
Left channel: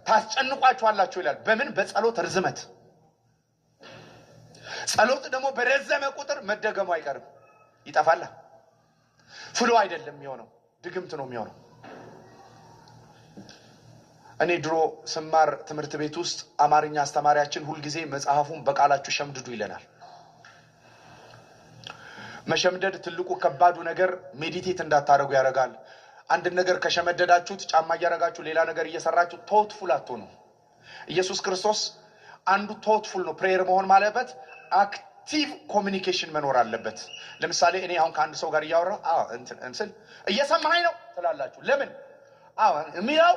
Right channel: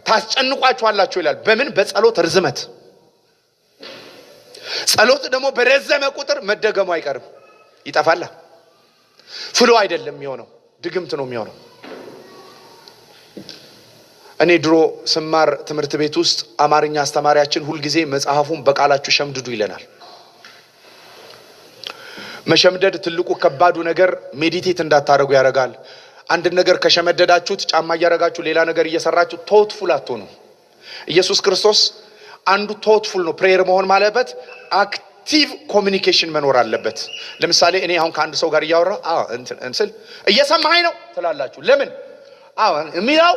ታስጨንቋቸዋላችሁ ይላል። በምን? በጸሎት ርዝመት። ጸሎት ደግሞ በረዘመ ቁጥር መደገሙ አይቀርም፣ ይጠፋል። ፍሎ አይደለም የሚሆነው፣ ድግምት ነው የሚሆነው። እኔ ድሮ ስማር ትምህርት ቤት ውስጥ አማርኛ አስተማሪያችን ሁልጊዜ መጽሐፉን በቃላችሁ ሸምድዱ ይለናል። መሸምደድ ትልቁ ከባዱ ነገር ሜዲቴት እንዳታረጉ ያደርጋል። አንድ ነገር ከሸመደዳችሁት ጫማ እያረጋችሁ ሌላ ነገር እየሰራችሁ ቶትፉል አትሆኑ። ኢየሱስ ክርስቶስ አንዱ ቶትፉል ነው። ፕሬየር መሆን ማለበት አክቲቭ ኮሚኒኬሽን መኖር አለበት። ለምሳሌ እኔ አሁን ከአንድ ሰው ጋር እያወራ እንስል እየሰማኸኝ ነው ትላላችሁ። ለምን? የሚለው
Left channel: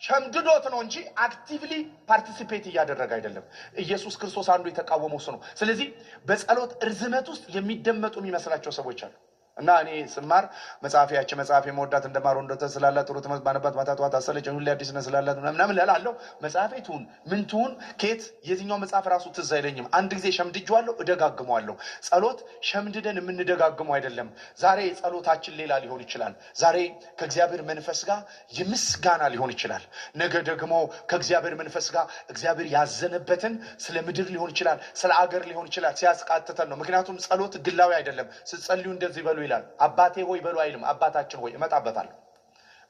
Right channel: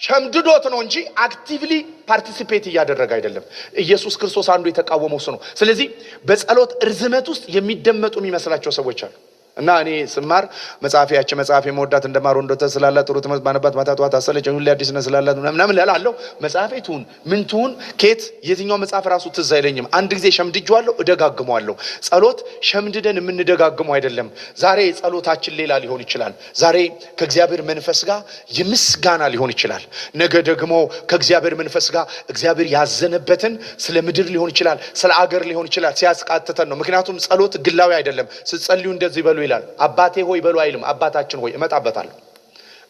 ሸምድዶት ነው እንጂ አክቲቭሊ ፓርቲሲፔት እያደረገ አይደለም። ኢየሱስ ክርስቶስ አንዱ የተቃወመው እሱ ነው። ስለዚህ በጸሎት ርዝመት ውስጥ የሚደመጡ የሚመስላቸው ሰዎች አሉ። እና እኔ ስማር መጽሐፊያችን መጽሐፍ የመወዳት እንደማሩ እንደተ ስላላት ጥሩ ትምህርት ባነባት ማታቷት አሰለች ሁሉ አዲስ ነው ስላላት ምናምን እላለሁ። መጽሐፌቱን ምንቱን ኬት የትኛው መጽሐፍ ራሱ ትዝ አይለኝም። አንድ ጊዜ ሸምድጄዋለሁ፣ እደጋግመዋለሁ። ጸሎት ሸምድደን የምንደጋግመው አይደለም። ዛሬ ጸሎታችን ሌላ ሊሆን ይችላል። ዛሬ ከእግዚአብሔር መንፈስ ጋር የምስጋና ሊሆን ይችላል። ነገ ደግሞ ከእግዚአብሔር መንፈስ ጋር እግዚአብሔር ያዘነበትን ስለ ምድር ሊሆን ይችላል፣ ስለ አገር ሊሆን ይችላል። ሲያስቃትተን ነው። ምክንያቱም ጸሎት ግላዊ አይደለም። ስትጸልዩ እንደዚህ በሉ ይላል። አባቴ ሆይ በሉ አይልም። አባታችን ሆይ እመጣበታለሁ።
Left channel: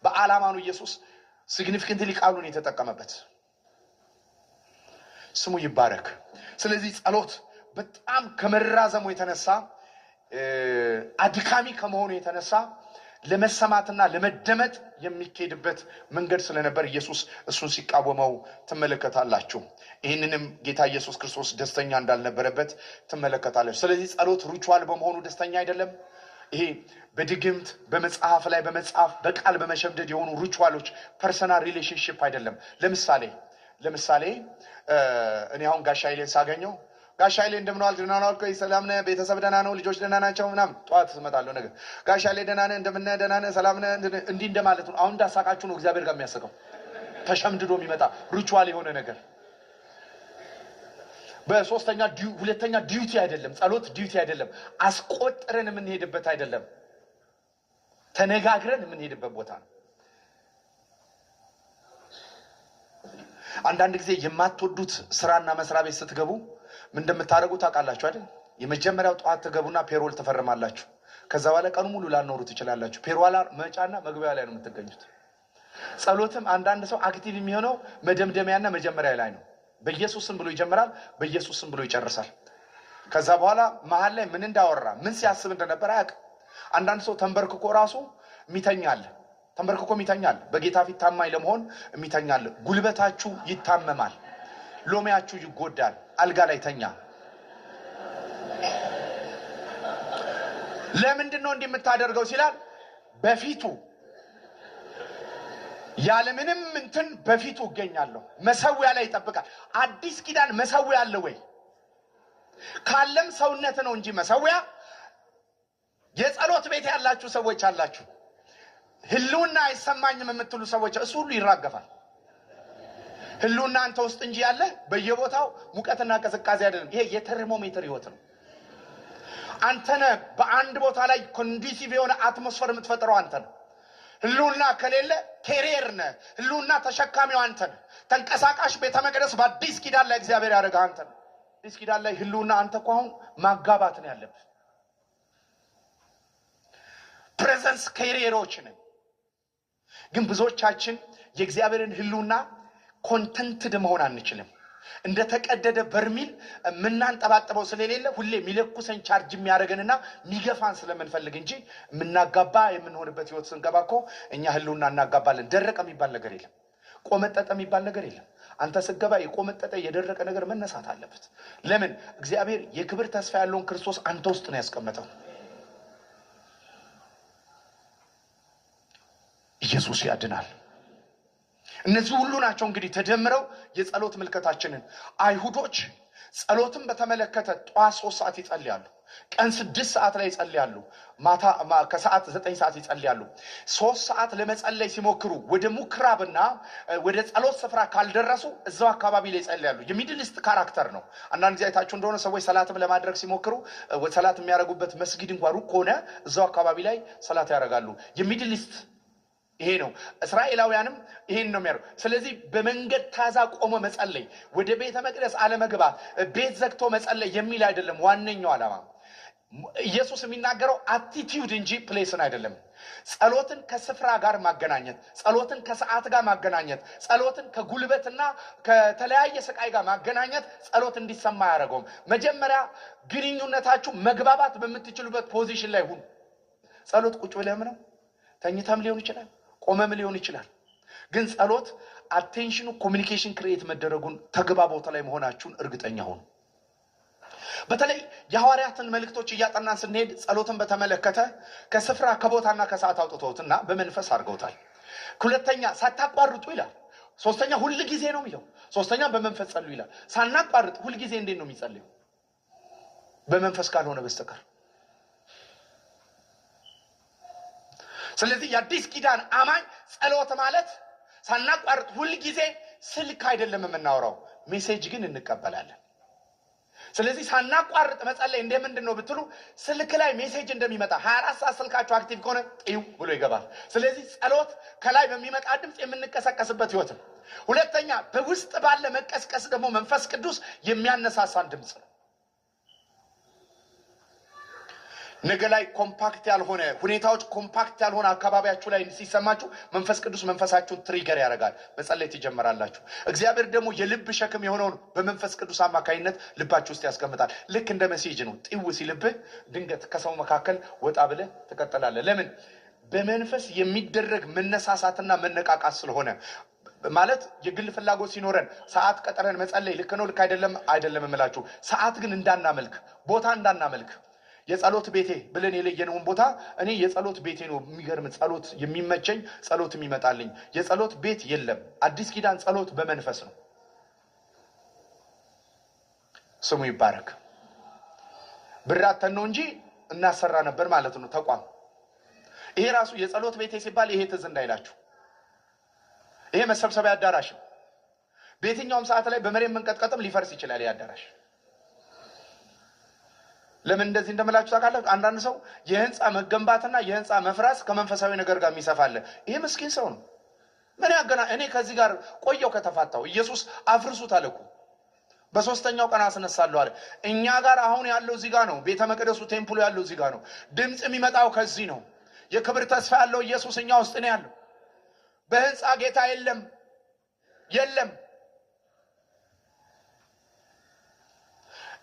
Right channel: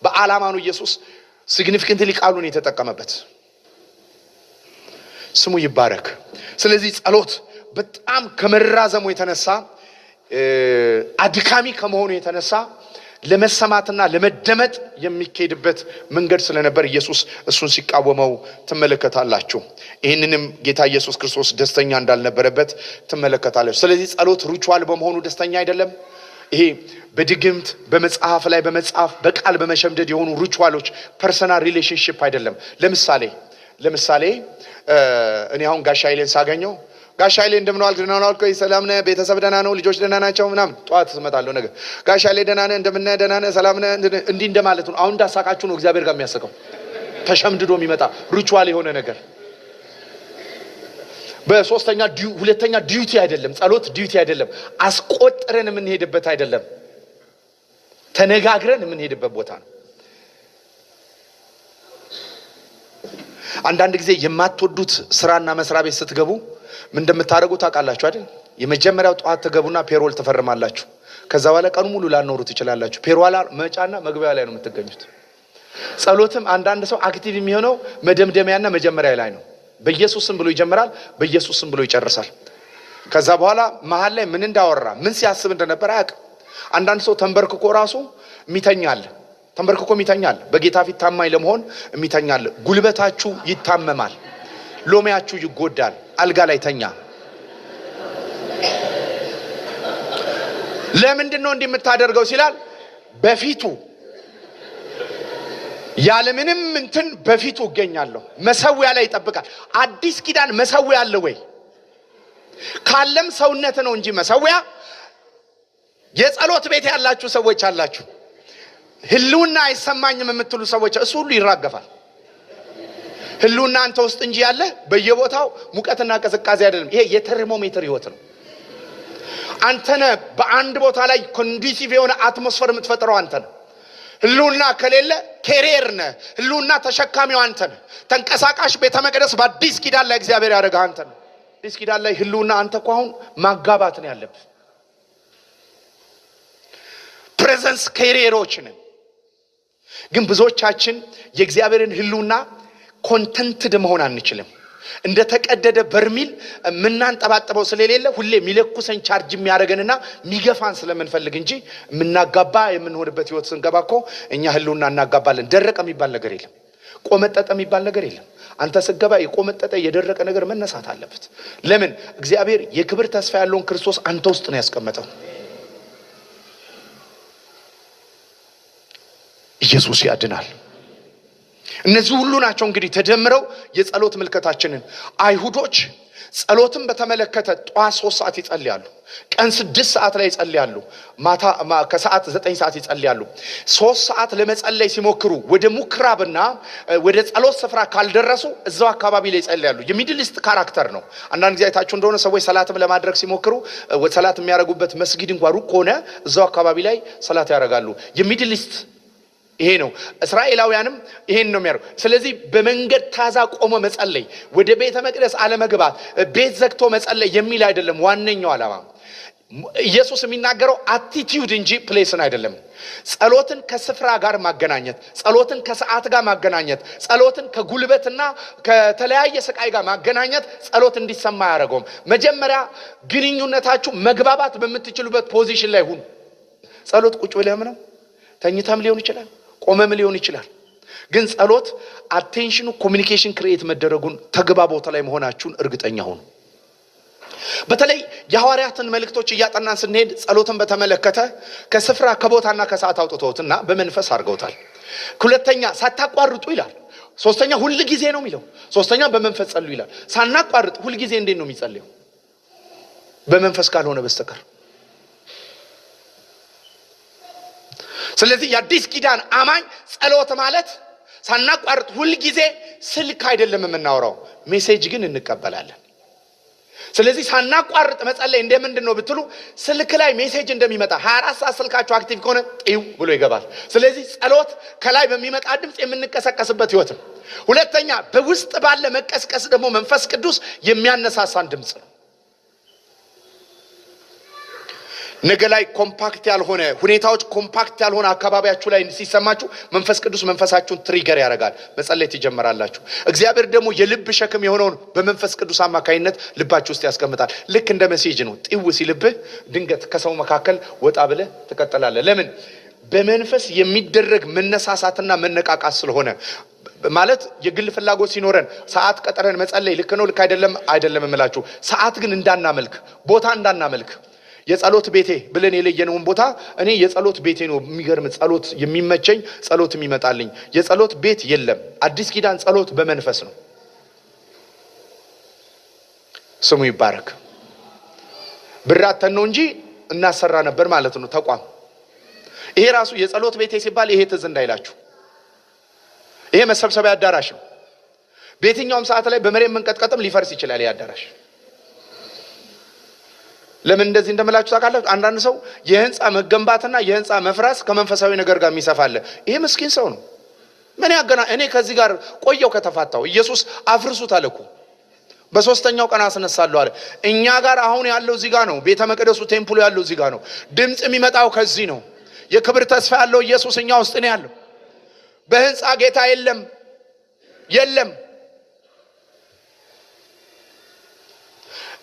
በዓላማ ነው ኢየሱስ ሲግኒፊካንትሊ ቃሉን የተጠቀመበት። ስሙ ይባረክ። ስለዚህ ጸሎት በጣም ከመራዘሙ የተነሳ አድካሚ ከመሆኑ የተነሳ ለመሰማትና ለመደመጥ የሚካሄድበት መንገድ ስለነበር ኢየሱስ እሱን ሲቃወመው ትመለከታላችሁ። ይህንንም ጌታ ኢየሱስ ክርስቶስ ደስተኛ እንዳልነበረበት ትመለከታላችሁ። ስለዚህ ጸሎት ሪቹዋል በመሆኑ ደስተኛ አይደለም። ይሄ በድግምት በመጽሐፍ ላይ በመጽሐፍ በቃል በመሸምደድ የሆኑ ሪቹዋሎች ፐርሰናል ሪሌሽንሺፕ አይደለም። ለምሳሌ እኔ አሁን ጋሽ ኃይሌን ሳገኘው ጋሽ ኃይሌ እንደምን ዋልክ? ደህና ዋልክ? ሰላም ነህ? ቤተሰብ ደህና ነው? ልጆች ደህና ናቸው? ምናምን ጠዋት እመጣለሁ ነገር ጋሽ ኃይሌ ደህና ነህ? እንደምን ነህ? ደህና ነህ? ሰላም ነህ? እንዲህ እንደማለት ነው። አሁን እንዳሳቃችሁ ነው እግዚአብሔር ጋር የሚያስቀው ተሸምድዶ የሚመጣ ሪቹዋል የሆነ ነገር። ሁለተኛ ዲዩቲ አይደለም። ጸሎት ዲዩቲ አይደለም። አስቆጥረን የምንሄድበት አይደለም። ተነጋግረን የምንሄድበት ቦታ ነው። አንዳንድ ጊዜ የማትወዱት ስራና መስሪያ ቤት ስትገቡ ምን እንደምታደርጉ ታውቃላችሁ አይደል? የመጀመሪያው ጠዋት ትገቡና ፔሮል ትፈርማላችሁ። ከዛ በኋላ ቀኑ ሙሉ ላኖሩ ትችላላችሁ። ፔሮል መጫና መግቢያ ላይ ነው የምትገኙት። ጸሎትም አንዳንድ ሰው አክቲቭ የሚሆነው መደምደሚያና መጀመሪያ ላይ ነው። በኢየሱስ ስም ብሎ ይጀምራል፣ በኢየሱስ ስም ብሎ ይጨርሳል። ከዛ በኋላ መሃል ላይ ምን እንዳወራ ምን ሲያስብ እንደነበር አያውቅም። አንዳንድ ሰው ተንበርክኮ ራሱ የሚተኛል። በጌታ ፊት ታማኝ ለመሆን የሚተኛል። ጉልበታችሁ ይታመማል፣ ሎሚያችሁ ይጎዳል። አልጋ ላይ ተኛ። ለምንድን ነው እንዲህ የምታደርገው ሲላል በፊቱ ያለምንም እንትን በፊቱ እገኛለሁ። መሰዊያ ላይ ይጠብቃል። አዲስ ኪዳን መሰዊያ አለ ወይ? ካለም ሰውነት ነው እንጂ መሰዊያ። የጸሎት ቤት ያላችሁ ሰዎች አላችሁ። ህልውና አይሰማኝም የምትሉ ሰዎች እሱ ሁሉ ይራገፋል። ህልውና አንተ ውስጥ እንጂ ያለ በየቦታው ሙቀትና ቅዝቃዜ አይደለም። ይሄ የተርሞሜትር ህይወት ነው። አንተነ በአንድ ቦታ ላይ ኮንዲሲቭ የሆነ አትሞስፌር የምትፈጥረው አንተ ነህ። ህልውና ከሌለ ኬሪየር ነህ። ህልውና ተሸካሚው አንተ ነህ። ተንቀሳቃሽ ቤተ መቅደስ በአዲስ ኪዳን ላይ እግዚአብሔር ያደረገ አንተ ነህ። አዲስ ኪዳን ላይ ህልውና አንተ እኮ አሁን ማጋባት ነው ያለብህ። ፕሬዘንስ ኬሪየሮች ነን። ግን ብዙዎቻችን የእግዚአብሔርን ህልውና ኮንተንትድ መሆን አንችልም። እንደ ተቀደደ በርሚል ምናንጠባጥበው ስለሌለ ሁሌ ሚለኩሰን ቻርጅ የሚያደርገንና ሚገፋን ስለምንፈልግ እንጂ ምናጋባ የምንሆንበት ህይወት ስንገባ እኮ እኛ ህልውና እናጋባለን። ደረቀ የሚባል ነገር የለም። ቆመጠጠ የሚባል ነገር የለም። አንተ ስገባ የቆመጠጠ የደረቀ ነገር መነሳት አለበት። ለምን? እግዚአብሔር የክብር ተስፋ ያለውን ክርስቶስ አንተ ውስጥ ነው ያስቀመጠው። ኢየሱስ ያድናል። እነዚህ ሁሉ ናቸው እንግዲህ ተደምረው የጸሎት ምልከታችንን። አይሁዶች ጸሎትን በተመለከተ ጠዋት 3 ሰዓት ይጸልያሉ፣ ቀን 6 ሰዓት ላይ ይጸልያሉ፣ ማታ ከሰዓት 9 ሰዓት ይጸልያሉ። 3 ሰዓት ለመጸለይ ሲሞክሩ ወደ ሙክራብና ወደ ጸሎት ስፍራ ካልደረሱ እዛው አካባቢ ላይ ይጸልያሉ። የሚድል ኢስት ካራክተር ነው። አንዳንድ ጊዜ አይታችሁ እንደሆነ ሰዎች ሰላትም ለማድረግ ሲሞክሩ ሰላት የሚያደርጉበት መስጊድ እንኳን ሩቅ ሆነ እዛው አካባቢ ላይ ሰላት ያደርጋሉ። የሚድል ኢስት ይሄ ነው። እስራኤላውያንም ይሄን ነው የሚያደርጉ። ስለዚህ በመንገድ ታዛ ቆሞ መጸለይ፣ ወደ ቤተ መቅደስ አለመግባት፣ ቤት ዘግቶ መጸለይ የሚል አይደለም ዋነኛው ዓላማ። ኢየሱስ የሚናገረው አቲቲዩድ እንጂ ፕሌስን አይደለም። ጸሎትን ከስፍራ ጋር ማገናኘት፣ ጸሎትን ከሰዓት ጋር ማገናኘት፣ ጸሎትን ከጉልበትና ከተለያየ ስቃይ ጋር ማገናኘት ጸሎት እንዲሰማ አያደርገውም። መጀመሪያ ግንኙነታችሁ መግባባት በምትችሉበት ፖዚሽን ላይ ሁኑ። ጸሎት ቁጭ ብለህም ነው፣ ተኝተም ሊሆን ይችላል፣ ቆመም ሊሆን ይችላል። ግን ጸሎት አቴንሽኑ ኮሚኒኬሽን ክሬት መደረጉን ተግባቦት ላይ መሆናችሁን እርግጠኛ ሁኑ። በተለይ የሐዋርያትን መልእክቶች እያጠናን ስንሄድ ጸሎትን በተመለከተ ከስፍራ ከቦታና ከሰዓት አውጥተውትና በመንፈስ አድርገውታል። ሁለተኛ ሳታቋርጡ ይላል። ሶስተኛ ሁል ጊዜ ነው የሚለው። ሶስተኛ በመንፈስ ጸልዩ ይላል። ሳናቋርጥ ሁል ጊዜ እንዴት ነው የሚጸልየው? በመንፈስ ካልሆነ በስተቀር። ስለዚህ የአዲስ ኪዳን አማኝ ጸሎት ማለት ሳናቋርጥ ሁል ጊዜ ስልክ አይደለም የምናወራው፣ ሜሴጅ ግን እንቀበላለን። ስለዚህ ሳናቋርጥ መጸለይ እንደምንድን ነው ብትሉ ስልክ ላይ ሜሴጅ እንደሚመጣ 24 ሰዓት ስልካችሁ አክቲቭ ከሆነ ጢው ብሎ ይገባል። ስለዚህ ጸሎት ከላይ በሚመጣ ድምፅ የምንቀሰቀስበት ህይወት ነው። ሁለተኛ በውስጥ ባለ መቀስቀስ ደግሞ መንፈስ ቅዱስ የሚያነሳሳን ድምፅ ነው። ነገ ላይ ኮምፓክት ያልሆነ ሁኔታዎች ኮምፓክት ያልሆነ አካባቢያችሁ ላይ ሲሰማችሁ መንፈስ ቅዱስ መንፈሳችሁን ትሪገር ያደርጋል። መጸለይ ትጀምራላችሁ። እግዚአብሔር ደግሞ የልብ ሸክም የሆነውን በመንፈስ ቅዱስ አማካይነት ልባችሁ ውስጥ ያስቀምጣል። ልክ እንደ ሜሴጅ ነው። ጢው ሲልብህ ድንገት ከሰው መካከል ወጣ ብለህ ትቀጥላለህ። ለምን? በመንፈስ የሚደረግ መነሳሳትና መነቃቃት ስለሆነ ማለት የግል ፍላጎት ሲኖረን ሰዓት ቀጠረን መጸለይ ልክ ነው ልክ አይደለም እምላችሁ። ሰዓት ግን እንዳናመልክ፣ ቦታ እንዳናመልክ የጸሎት ቤቴ ብለን የለየነውን ቦታ እኔ የጸሎት ቤቴ ነው የሚገርም ጸሎት የሚመቸኝ ጸሎት የሚመጣልኝ የጸሎት ቤት የለም። አዲስ ኪዳን ጸሎት በመንፈስ ነው። ስሙ ይባረክ። ብራተን ነው እንጂ እናሰራ ነበር ማለት ነው ተቋም። ይሄ ራሱ የጸሎት ቤቴ ሲባል ይሄ ትዝ እንዳይላችሁ ይሄ መሰብሰቢያ አዳራሽ ነው። በየትኛውም ሰዓት ላይ በመሬት መንቀጥቀጥም ሊፈርስ ይችላል ይሄ አዳራሽ። ለምን እንደዚህ እንደምላችሁ ታውቃላችሁ? አንዳንድ ሰው የህንጻ መገንባትና የህንጻ መፍራስ ከመንፈሳዊ ነገር ጋር የሚሰፋለ ይሄ ምስኪን ሰው ነው። ምን ያገና እኔ ከዚህ ጋር ቆየው ከተፋታው ኢየሱስ አፍርሱት አለኩ በሶስተኛው ቀን አስነሳለሁ አለ። እኛ ጋር አሁን ያለው እዚህ ጋር ነው። ቤተ መቅደሱ ቴምፕሉ ያለው እዚህ ጋር ነው። ድምጽ የሚመጣው ከዚህ ነው። የክብር ተስፋ ያለው ኢየሱስ እኛ ውስጥ ነው ያለው። በህንጻ ጌታ የለም።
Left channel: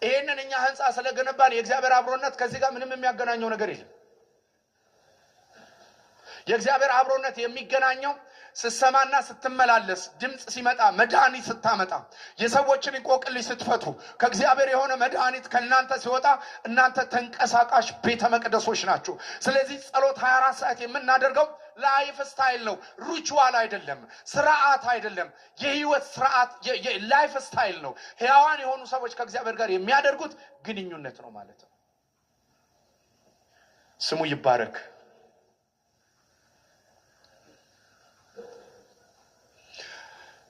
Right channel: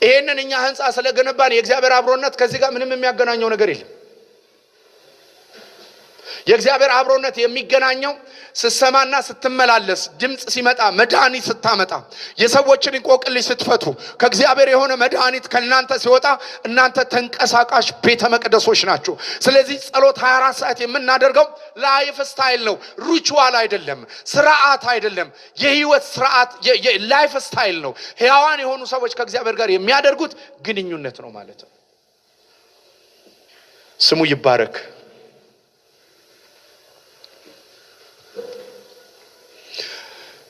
ይሄንን እኛ ህንጻ ስለገነባን የእግዚአብሔር አብሮነት ከዚህ ጋር ምንም የሚያገናኘው ነገር የለም። የእግዚአብሔር አብሮነት የሚገናኘው ስትሰማና ስትመላለስ፣ ድምጽ ሲመጣ፣ መድኃኒት ስታመጣ፣ የሰዎችን እንቆቅልሽ ስትፈቱ፣ ከእግዚአብሔር የሆነ መድኃኒት ከእናንተ ሲወጣ እናንተ ተንቀሳቃሽ ቤተ መቅደሶች ናችሁ። ስለዚህ ጸሎት 24 ሰዓት የምናደርገው ላይፍ ስታይል ነው፣ ሪቹዋል አይደለም፣ ስርዓት አይደለም። የህይወት ስርዓት ላይፍ ስታይል ነው። ሕያዋን የሆኑ ሰዎች ከእግዚአብሔር ጋር የሚያደርጉት ግንኙነት ነው ማለት ነው። ስሙ ይባረክ።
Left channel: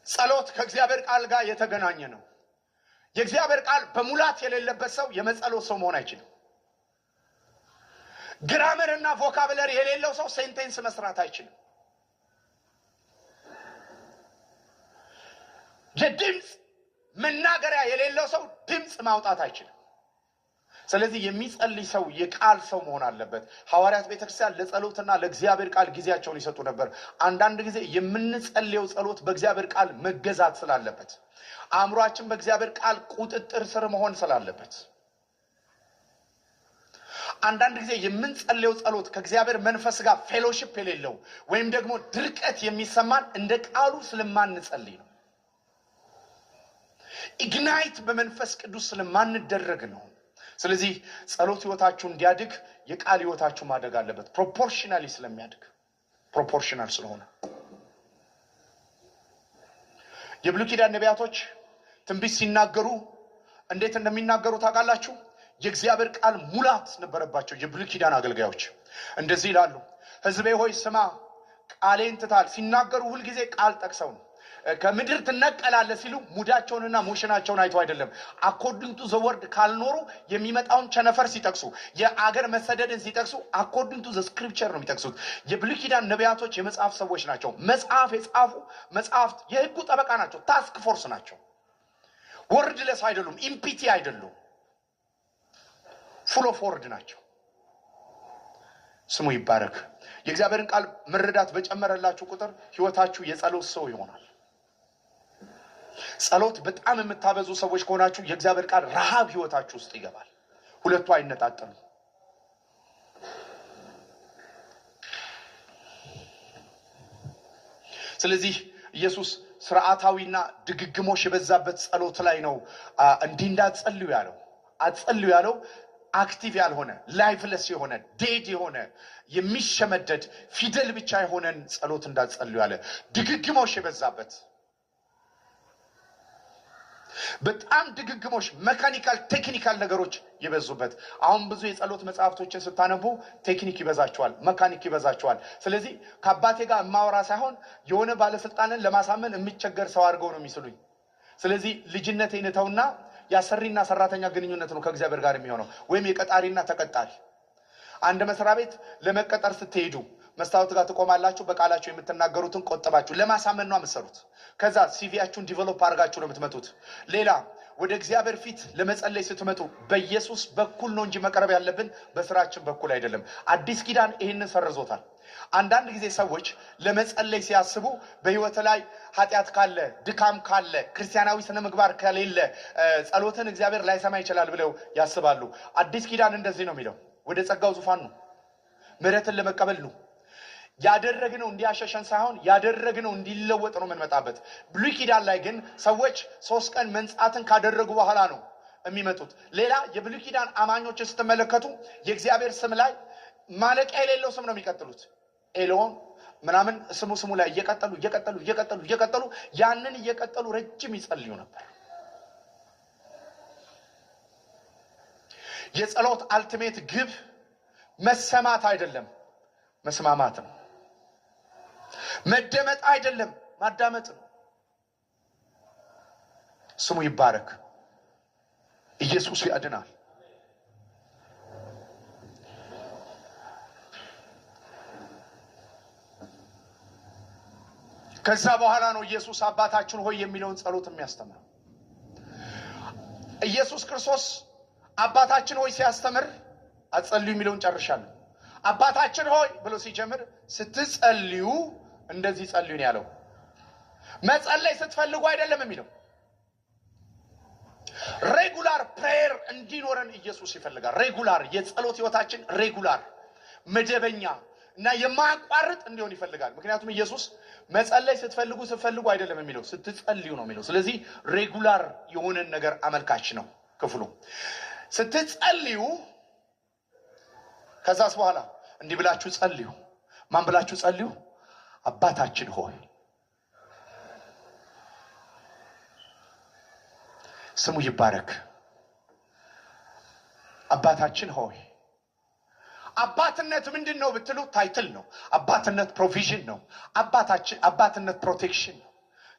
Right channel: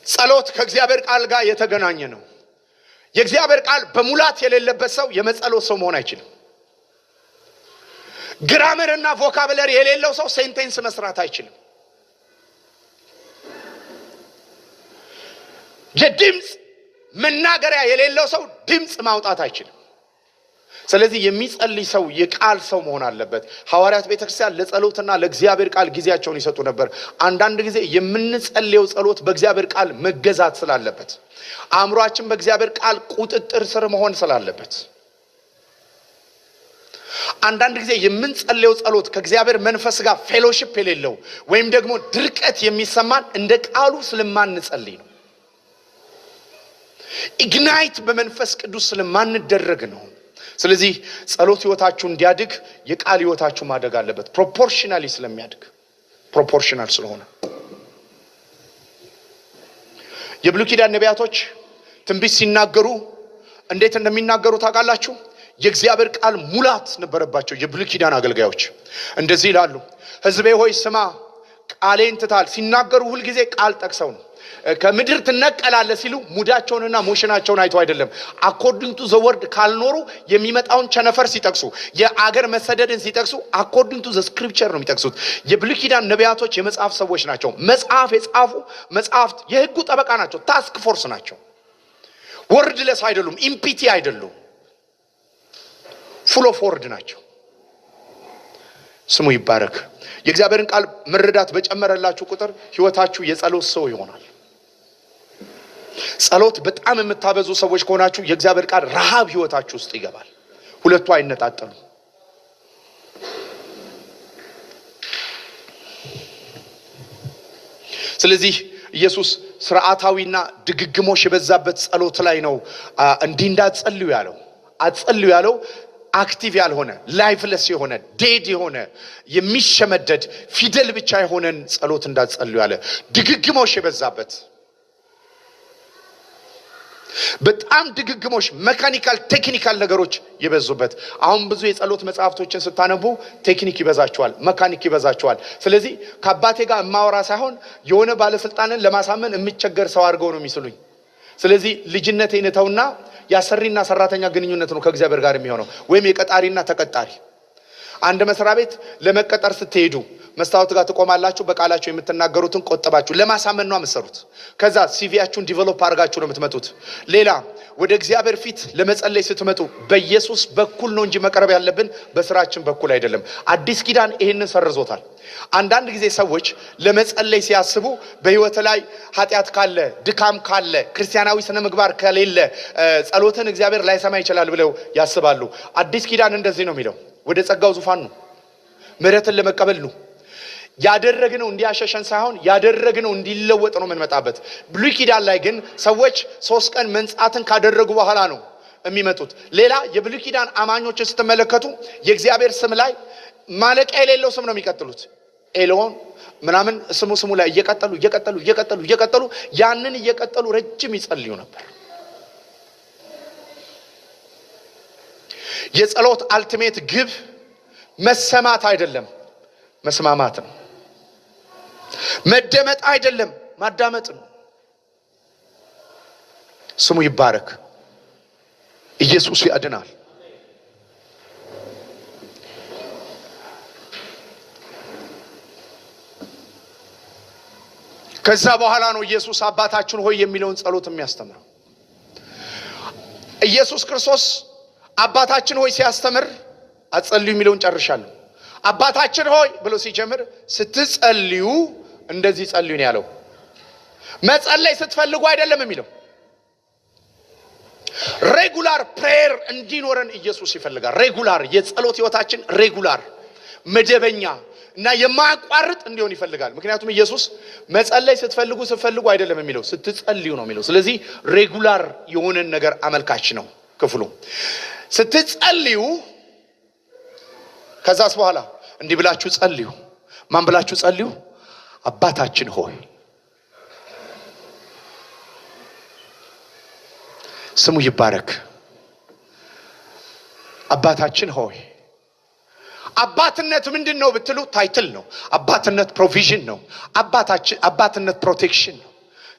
ጸሎት ከእግዚአብሔር ቃል ጋር የተገናኘ ነው። የእግዚአብሔር ቃል በሙላት የሌለበት ሰው የመጸሎት ሰው መሆን አይችልም። ግራመርና ቮካብለሪ የሌለው ሰው ሴንቴንስ መስራት አይችልም። የድምጽ መናገሪያ የሌለው ሰው ድምጽ ማውጣት አይችልም። ስለዚህ የሚጸልይ ሰው የቃል ሰው መሆን አለበት። ሐዋርያት ቤተክርስቲያን ለጸሎትና ለእግዚአብሔር ቃል ጊዜያቸውን ይሰጡ ነበር። አንዳንድ ጊዜ የምንጸልየው ጸሎት በእግዚአብሔር ቃል መገዛት ስላለበት፣ አእምሯችን በእግዚአብሔር ቃል ቁጥጥር ስር መሆን ስላለበት፣ አንዳንድ ጊዜ የምንጸልየው ጸሎት ከእግዚአብሔር መንፈስ ጋር ፌሎሺፕ የሌለው ወይም ደግሞ ድርቀት የሚሰማን እንደ ቃሉ ስለማንጸልይ ነው። ኢግናይት በመንፈስ ቅዱስ ስለማንደረግ ነው። ስለዚህ ጸሎት ህይወታችሁ እንዲያድግ የቃል ህይወታችሁ ማደግ አለበት። ፕሮፖርሽናሊ ስለሚያድግ ፕሮፖርሽናል ስለሆነ የብሉይ ኪዳን ነቢያቶች ትንቢት ሲናገሩ እንዴት እንደሚናገሩ ታውቃላችሁ? የእግዚአብሔር ቃል ሙላት ነበረባቸው። የብሉይ ኪዳን አገልጋዮች እንደዚህ ይላሉ፣ ሕዝቤ ሆይ ስማ ቃሌን ትታል። ሲናገሩ ሁል ጊዜ ቃል ጠቅሰው ነው። ከምድር ትነቀላለ ሲሉ ሙዳቸውንና ሞሽናቸውን አይተው አይደለም። አኮርዲንግ ቱ ዘ ወርድ ካልኖሩ የሚመጣውን ቸነፈር ሲጠቅሱ፣ የአገር መሰደድን ሲጠቅሱ አኮርዲንግ ቱ ዘ ስክሪፕቸር ነው የሚጠቅሱት። የብሉይ ኪዳን ነቢያቶች የመጽሐፍ ሰዎች ናቸው። መጽሐፍ የጻፉ መጽሐፍት የህጉ ጠበቃ ናቸው። ታስክ ፎርስ ናቸው። ወርድለስ አይደሉም። ኢምፒቲ አይደሉም። ፉል ኦፍ ወርድ ናቸው። ስሙ ይባረክ። የእግዚአብሔርን ቃል መረዳት በጨመረላችሁ ቁጥር ህይወታችሁ የጸሎት ሰው ይሆናል። ጸሎት በጣም የምታበዙ ሰዎች ከሆናችሁ የእግዚአብሔር ቃል ረሃብ ህይወታችሁ ውስጥ ይገባል። ሁለቱ አይነጣጠሉ። ስለዚህ ኢየሱስ ስርዓታዊና ድግግሞሽ የበዛበት ጸሎት ላይ ነው እንዲህ እንዳትጸልዩ ያለው። አትጸልዩ ያለው አክቲቭ ያልሆነ ላይፍለስ የሆነ ዴድ የሆነ የሚሸመደድ ፊደል ብቻ የሆነን ጸሎት እንዳትጸልዩ ያለ። ድግግሞሽ የበዛበት በጣም ድግግሞሽ መካኒካል ቴክኒካል ነገሮች የበዙበት። አሁን ብዙ የጸሎት መጽሐፍቶችን ስታነቡ ቴክኒክ ይበዛቸዋል፣ መካኒክ ይበዛቸዋል። ስለዚህ ከአባቴ ጋር ማወራ ሳይሆን የሆነ ባለስልጣንን ለማሳመን የሚቸገር ሰው አድርገው ነው የሚስሉኝ። ስለዚህ ልጅነቴን ተውና ያሰሪና ሰራተኛ ግንኙነት ነው ከእግዚአብሔር ጋር የሚሆነው፣ ወይም የቀጣሪና ተቀጣሪ። አንድ መስሪያ ቤት ለመቀጠር ስትሄዱ መስታወት ጋር ተቆማላችሁ። በቃላችሁ የምትናገሩትን ቆጥባችሁ ለማሳመን ነው የምትሰሩት። ከዛ ሲቪያችሁን ዲቨሎፕ አድርጋችሁ ነው የምትመጡት። ሌላ ወደ እግዚአብሔር ፊት ለመጸለይ ስትመጡ በኢየሱስ በኩል ነው እንጂ መቅረብ ያለብን በስራችን በኩል አይደለም። አዲስ ኪዳን ይሄንን ሰርዞታል። አንዳንድ ጊዜ ሰዎች ለመጸለይ ሲያስቡ በህይወት ላይ ኃጢአት ካለ፣ ድካም ካለ፣ ክርስቲያናዊ ስነ ምግባር ከሌለ ጸሎትን እግዚአብሔር ላይሰማ ይችላል ብለው ያስባሉ። አዲስ ኪዳን እንደዚህ ነው የሚለው፣ ወደ ጸጋው ዙፋን ነው፣ ምህረትን ለመቀበል ነው። ያደረግነው እንዲያሸሸን ሳይሆን ያደረግነው እንዲለወጥ ነው የምንመጣበት። ብሉይ ኪዳን ላይ ግን ሰዎች 3 ቀን መንጻትን ካደረጉ በኋላ ነው የሚመጡት። ሌላ የብሉይ ኪዳን አማኞችን ስትመለከቱ የእግዚአብሔር ስም ላይ ማለቂያ የሌለው ስም ነው የሚቀጥሉት። ኤሎን ምናምን ስሙ ላይ እየቀጠሉ ያንን እየቀጠሉ ረጅም ይጸልዩ ነበር። የጸሎት አልቲሜት ግብ መሰማት አይደለም፣ መስማማት ነው። መደመጥ አይደለም፣ ማዳመጥ ነው። ስሙ ይባረክ። ኢየሱስ ያድናል። ከዛ በኋላ ነው ኢየሱስ አባታችን ሆይ የሚለውን ጸሎት የሚያስተምረው። ኢየሱስ ክርስቶስ አባታችን ሆይ ሲያስተምር አትጸልዩ የሚለውን ጨርሻለሁ። አባታችን ሆይ ብሎ ሲጀምር ስትጸልዩ እንደዚህ ጸልዩ ነው ያለው። መጸለይ ስትፈልጉ አይደለም የሚለው። ሬጉላር ፕሬየር እንዲኖረን ኢየሱስ ይፈልጋል። ሬጉላር የጸሎት ህይወታችን ሬጉላር መደበኛ እና የማያቋርጥ እንዲሆን ይፈልጋል። ምክንያቱም ኢየሱስ መጸለይ ስትፈልጉ አይደለም የሚለው፣ ስትጸልዩ ነው የሚለው። ስለዚህ ሬጉላር የሆነን ነገር አመልካች ነው ክፍሉ። ስትጸልዩ ከዛስ በኋላ እንዲህ ብላችሁ ጸልዩ። ማን ብላችሁ ጸልዩ? አባታችን ሆይ። ስሙ ይባረክ። አባታችን ሆይ። አባትነት ምንድነው ብትሉ ታይትል ነው። አባትነት ፕሮቪዥን ነው። አባትነት ፕሮቴክሽን ነው።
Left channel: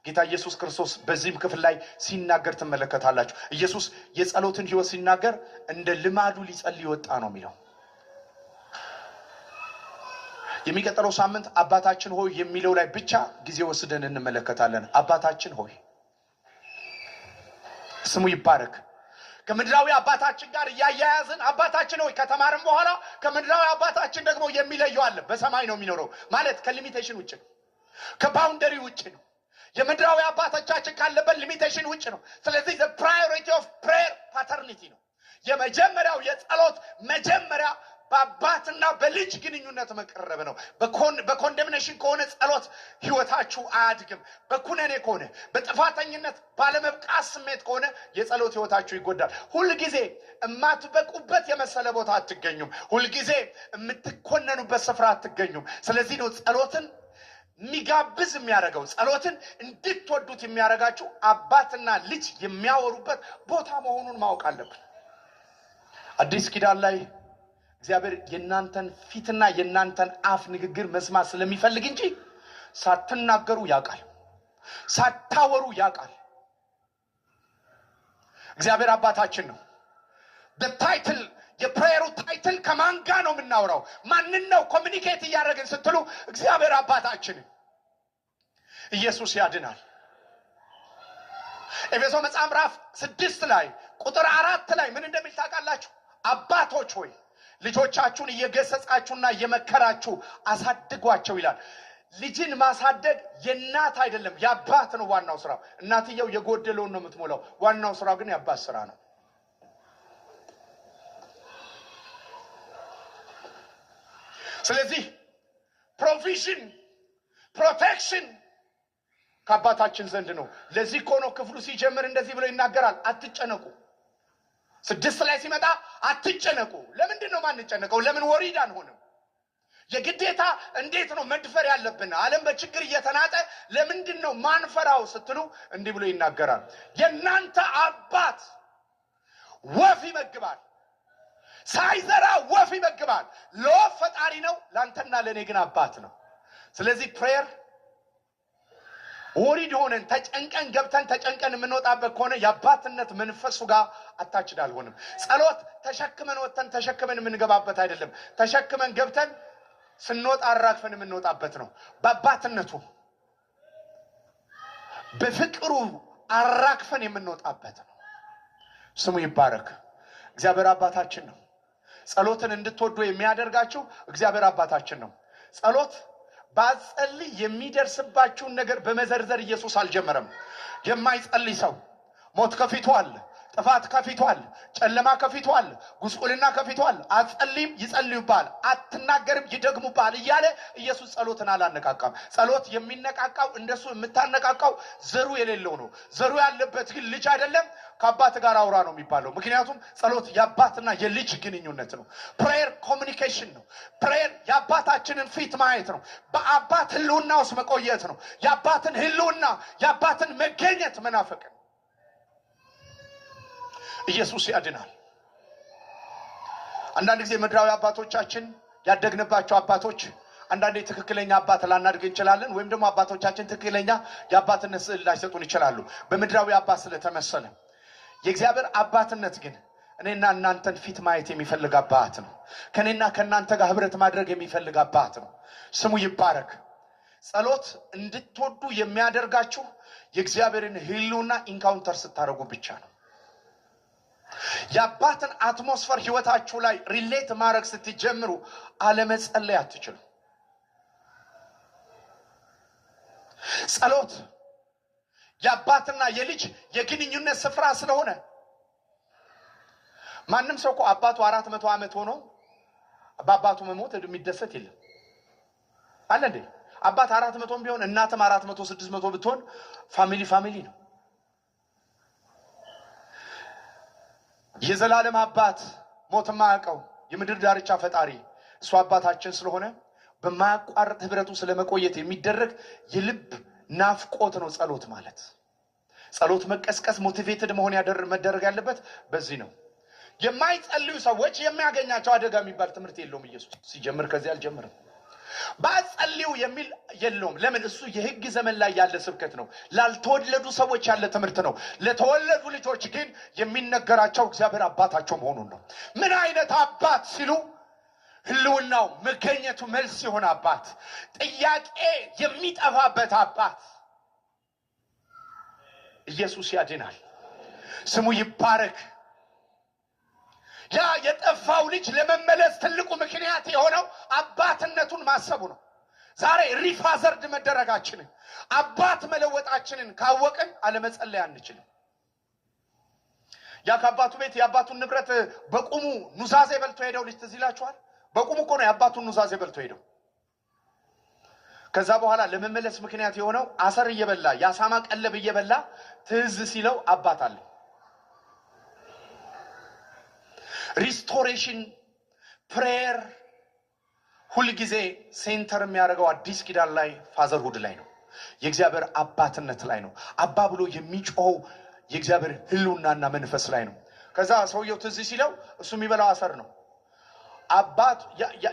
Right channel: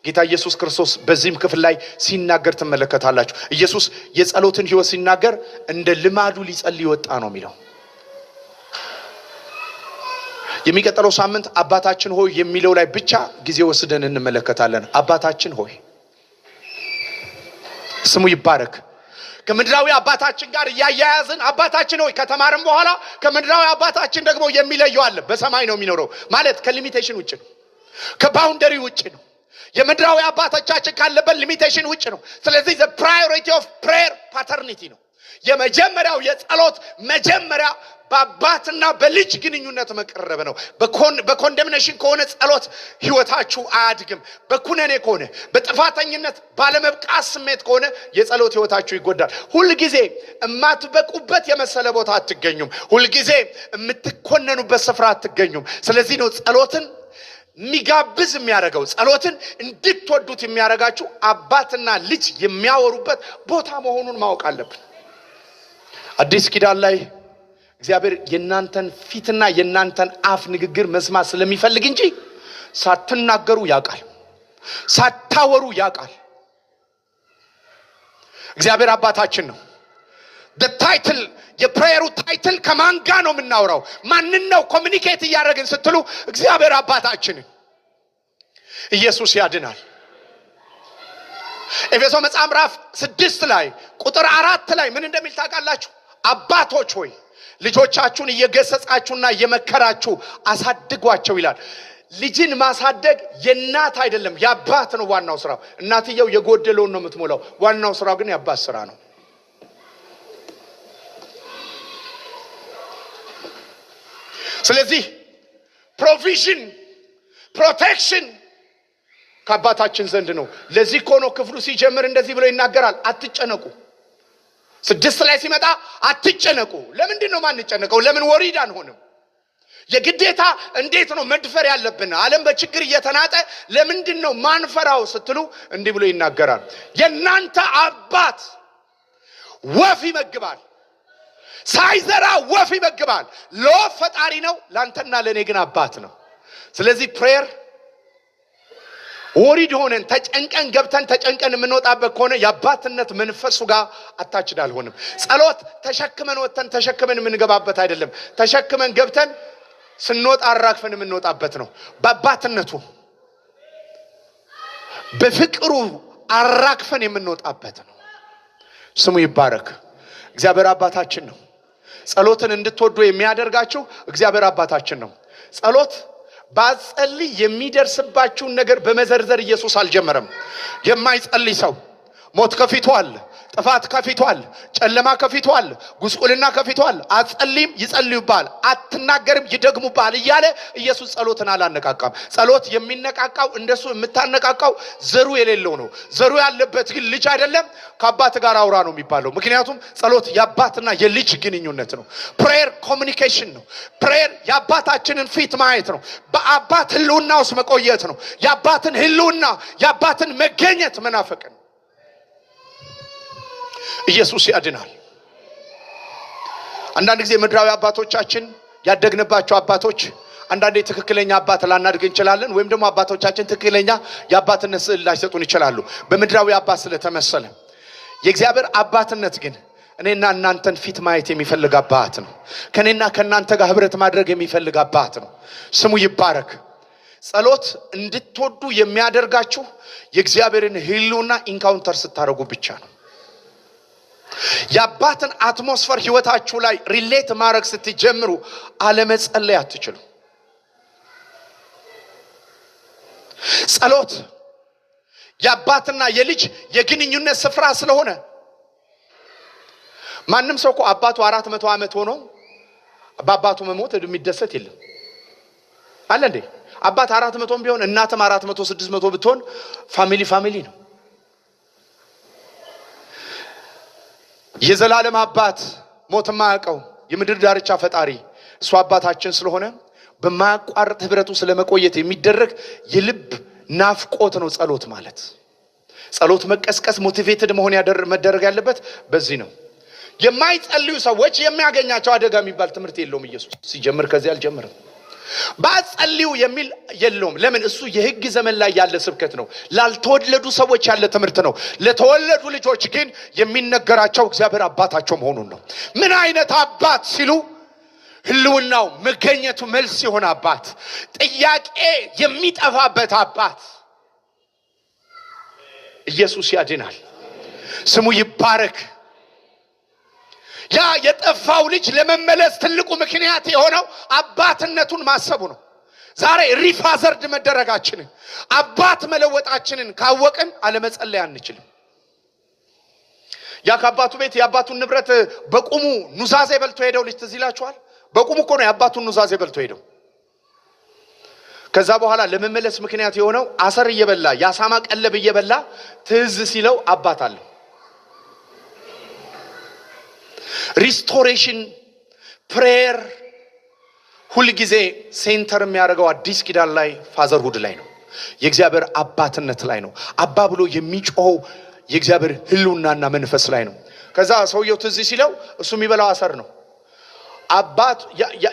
ጌታ ኢየሱስ ክርስቶስ በዚህም ክፍል ላይ ሲናገር ትመለከታላችሁ። ኢየሱስ የጸሎትን ህይወት ሲናገር እንደ ልማዱ ሊጸልይ ወጣ ነው የሚለው። የሚቀጥለው ሳምንት አባታችን ሆይ የሚለው ላይ ብቻ ጊዜ ወስደን እንመለከታለን። አባታችን ሆይ ስሙ ይባረክ። ከምድራዊ አባታችን ጋር ያያያዝን አባታችን ሆይ ከተማረም በኋላ ከምድራዊ አባታችን ደግሞ የሚለየው አለ። በሰማይ ነው የሚኖረው ማለት ከሊሚቴሽን ውጭ ነው፣ ከባውንደሪ ውጭ ነው። የምድራዊ አባቶቻችን ካለበት ሊሚቴሽን ውጭ ነው። ስለዚህ the priority of prayer paternity ነው። የመጀመሪያው የጸሎት መጀመሪያ በአባትና በልጅ ግንኙነት መቀረብ ነው። በኮንደምኔሽን ከሆነ ጸሎት ህይወታችሁ አያድግም። በኩነኔ ከሆነ በጥፋተኝነት ባለመብቃት ስሜት ከሆነ የጸሎት ህይወታችሁ ይጎዳል። ሁልጊዜ የማትበቁበት የመሰለ ቦታ አትገኙም። ሁልጊዜ የምትኮነኑበት ስፍራ አትገኙም። ስለዚህ ነው ጸሎትን የሚጋብዝ የሚያደርገው፣ ጸሎትን እንድትወዱት የሚያደርጋችሁ አባትና ልጅ የሚያወሩበት ቦታ መሆኑን ማወቅ አለብን። አዲስ ኪዳን ላይ እግዚአብሔር የናንተን ፊትና የናንተን አፍ ንግግር መስማት ስለሚፈልግ እንጂ ሳትናገሩ ያውቃል፣ ሳታወሩ ያውቃል። እግዚአብሔር አባታችን ነው። ታይትል የፕሬየሩ ታይትል ከማን ጋር ነው የምናወራው? ማንን ነው ኮሚኒኬት እያደረግን ስትሉ እግዚአብሔር አባታችንን። ኢየሱስ ያድናል። ኤፌሶ መጽሐፍ ምዕራፍ 6 ላይ ቁጥር 4 ላይ ምን እንደሚል ታውቃላችሁ? አባቶች ሆይ ልጆቻችሁን እየገሰጻችሁና እየመከራችሁ አሳድጓቸው ይላል። ልጅን ማሳደግ የእናት አይደለም የአባት ነው ዋናው ስራው። እናትየው የጎደለውን ነው የምትሞላው። ዋናው ስራው ግን የአባት ስራ ነው። ስለዚህ ፕሮቪዥን ፕሮቴክሽን ከአባታችን ዘንድ ነው። ለዚህ እኮ ነው ክፍሉ ሲጀምር እንደዚህ ብሎ ይናገራል። አትጨነቁ። 6 ላይ ሲመጣ አትጨነቁ። ለምንድን ነው ማንጨነቀው? ለምን ወሪድ አንሆንም? የግዴታ እንዴት ነው መድፈር ያለብን? ዓለም በችግር እየተናጠ ለምንድን ነው ማንፈራው ስትሉ እንዲህ ብሎ ይናገራል። የናንተ አባት ወፍ ይመግባል፣ ሳይዘራ ወፍ ይመግባል። ለወፍ ፈጣሪ ነው፣ ላንተና ለኔ ግን አባት ነው። ስለዚህ ፕሬየር ወሪድ ሆነን ተጨንቀን ገብተን ተጨንቀን የምንወጣበት ከሆነ የአባትነት መንፈሱ ጋር አታችድ አልሆንም። ጸሎት ተሸክመን ወጥተን ተሸክመን የምንገባበት አይደለም። ተሸክመን ገብተን ስንወጣ አራግፈን የምንወጣበት ነው። በአባትነቱ በፍቅሩ አራግፈን የምንወጣበት ነው። ስሙ ይባረክ። እግዚአብሔር አባታችን ነው። ጸሎትን እንድትወዱ የሚያደርጋችሁ እግዚአብሔር አባታችን ነው። ጸሎት ባጸልይ የሚደርስባችሁን ነገር በመዘርዘር ኢየሱስ አልጀመረም። የማይጸልይ ሰው ሞት ከፊቱ አለ፣ ጥፋት ከፊቱ አለ፣ ጨለማ ከፊቱ አለ፣ ጉስቁልና ከፊቱ አለ። አትጸልይም ይጸልዩባል፣ አትናገርም ይደግሙባል እያለ ኢየሱስ ጸሎትን አላነቃቃም። ጸሎት የሚነቃቃው እንደሱ የምታነቃቃው ዘሩ የሌለው ነው። ዘሩ ያለበት ግን ልጅ አይደለም። ከአባት ጋር አውራ ነው የሚባለው። ምክንያቱም ጸሎት የአባትና የልጅ ግንኙነት ነው። ፕሬየር ኮሚኒኬሽን ነው። ፕሬየር የአባታችንን ፊት ማየት ነው። በአባት ህልውና ውስጥ መቆየት ነው። የአባትን ህልውና የአባትን መገኘት መናፈቅ ነው። ኢየሱስ ያድናል። አንዳንድ ጊዜ ምድራዊ አባቶቻችን ያደግንባቸው አባቶች አንዳንዴ ትክክለኛ አባት ላናድግ እንችላለን፣ ወይም ደግሞ አባቶቻችን ትክክለኛ የአባትነት ስዕል ላይሰጡን ይችላሉ በምድራዊ አባት ስለተመሰለ። የእግዚአብሔር አባትነት ግን እኔና እናንተን ፊት ማየት የሚፈልግ አባት ነው። ከኔና ከናንተ ጋር ህብረት ማድረግ የሚፈልግ አባት ነው። ስሙ ይባረክ። ጸሎት እንድትወዱ የሚያደርጋችሁ የእግዚአብሔርን ህልውና ኢንካውንተር ስታደርጉ ብቻ ነው። የአባትን አትሞስፈር ህይወታችሁ ላይ ሪሌት ማድረግ ስትጀምሩ አለመጸለይ አትችሉ። ጸሎት የአባትና የልጅ የግንኙነት ስፍራ ስለሆነ ማንም ሰው እኮ አባቱ 400 ዓመት ሆኖ በአባቱ መሞት የሚደሰት የለም አለ እንዴ? አባት 400 ቢሆን እናትም 400 600 ብትሆን ፋሚሊ ነው። የዘላለም አባት ሞት የማያውቀው የምድር ዳርቻ ፈጣሪ እሱ አባታችን ስለሆነ በማያቋርጥ ህብረቱ ስለመቆየት የሚደረግ የልብ ናፍቆት ነው ጸሎት ማለት። ጸሎት መቀስቀስ ሞቲቬትድ መሆን መደረግ ያለበት በዚህ ነው። የማይጸልዩ ሰዎች የሚያገኛቸው አደጋ የሚባል ትምህርት የለውም። ኢየሱስ ሲጀምር ከዚህ አልጀመረም። ባጸልዩ የሚል የለውም። ለምን? እሱ የህግ ዘመን ላይ ያለ ስብከት ነው። ላልተወለዱ ሰዎች ያለ ትምህርት ነው። ለተወለዱ ልጆች ግን የሚነገራቸው እግዚአብሔር አባታቸው መሆኑን ነው። ምን አይነት አባት ሲሉ ህልውናው መገኘቱ መልስ የሆነ አባት፣ ጥያቄ የሚጠፋበት አባት። ኢየሱስ ያድናል። ስሙ ይባረክ። ያ የጠፋው ልጅ ለመመለስ ትልቁ ምክንያት የሆነው አባትነቱን ማሰቡ ነው። ዛሬ ሪፋዘርድ መደረጋችንን አባት መለወጣችንን ካወቅን አለመጸለይ አንችልም። ያ ከአባቱ ቤት የአባቱን ንብረት በቁሙ ኑዛዜ በልቶ ሄደው ልጅ ትዝ ይላችኋል። በቁሙ እኮ ነው የአባቱን ኑዛዜ በልቶ ሄደው። ከዛ በኋላ ለመመለስ ምክንያት የሆነው አሰር እየበላ ያሳማ ቀለብ እየበላ ትዝ ሲለው አባት አለ። ሪስቶሬሽን ፕሬየር ሁልጊዜ ሴንተር የሚያደርገው አዲስ ኪዳን ላይ ፋዘርሁድ ላይ ነው። የእግዚአብሔር አባትነት ላይ ነው። አባ ብሎ የሚጮኸው የእግዚአብሔር ህልውናና መንፈስ ላይ ነው። ከዛ ሰውየው ትዝ ሲለው እሱ የሚበላው አሰር ነው።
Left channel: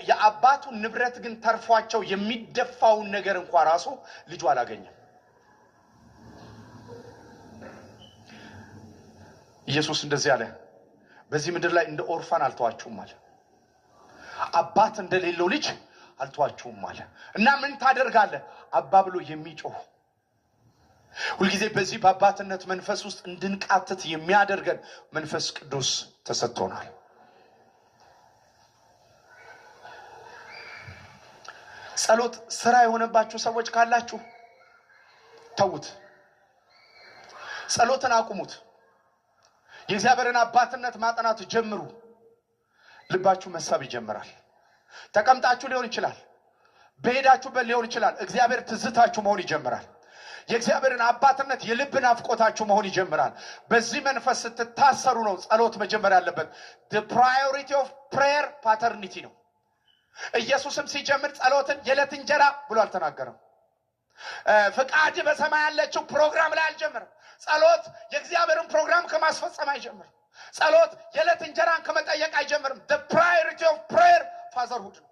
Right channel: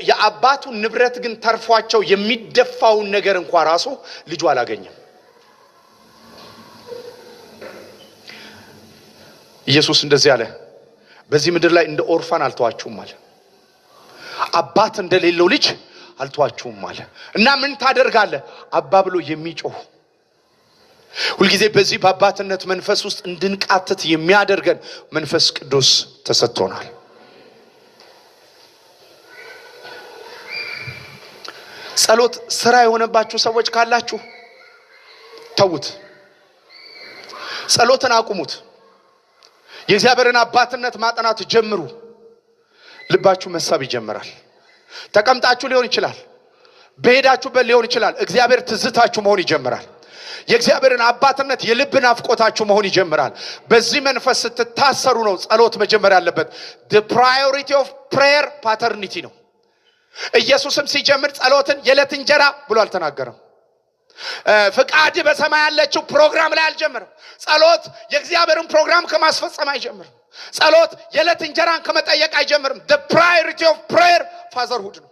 የአባቱ ንብረት ግን ተርፏቸው የሚደፋውን ነገር እንኳን ራሱ ልጁ አላገኘም። ኢየሱስ እንደዚህ አለ፣ በዚህ ምድር ላይ እንደ ኦርፋን አልተዋችሁም አለ። አባት እንደሌለው ልጅ አልተዋችሁም አለ። እና ምን ታደርጋለህ? አባ ብሎ የሚጮህ ሁልጊዜ በዚህ በአባትነት መንፈስ ውስጥ እንድንቃትት የሚያደርገን መንፈስ ቅዱስ ተሰጥቶናል። ጸሎት ስራ የሆነባችሁ ሰዎች ካላችሁ ተውት፣ ጸሎትን አቁሙት። የእግዚአብሔርን አባትነት ማጥናት ጀምሩ። ልባችሁ መሳብ ይጀምራል። ተቀምጣችሁ ሊሆን ይችላል፣ በሄዳችሁበት ሊሆን ይችላል። እግዚአብሔር ትዝታችሁ መሆን ይጀምራል። የእግዚአብሔርን አባትነት የልብ ናፍቆታችሁ መሆን ይጀምራል። በዚህ መንፈስ ስትታሰሩ ነው ጸሎት መጀመር ያለበት። the priority of prayer paternity ነው። ኢየሱስም ሲጀምር ጸሎትን የዕለት እንጀራ ብሎ አልተናገረም። ፍቃድ በሰማይ ያለችው ፕሮግራም ላይ አልጀመረም። ጸሎት የእግዚአብሔርን ፕሮግራም ከማስፈጸም አይጀምርም። ጸሎት የዕለት እንጀራን ከመጠየቅ አይጀምርም። the priority of prayer fatherhood ነው።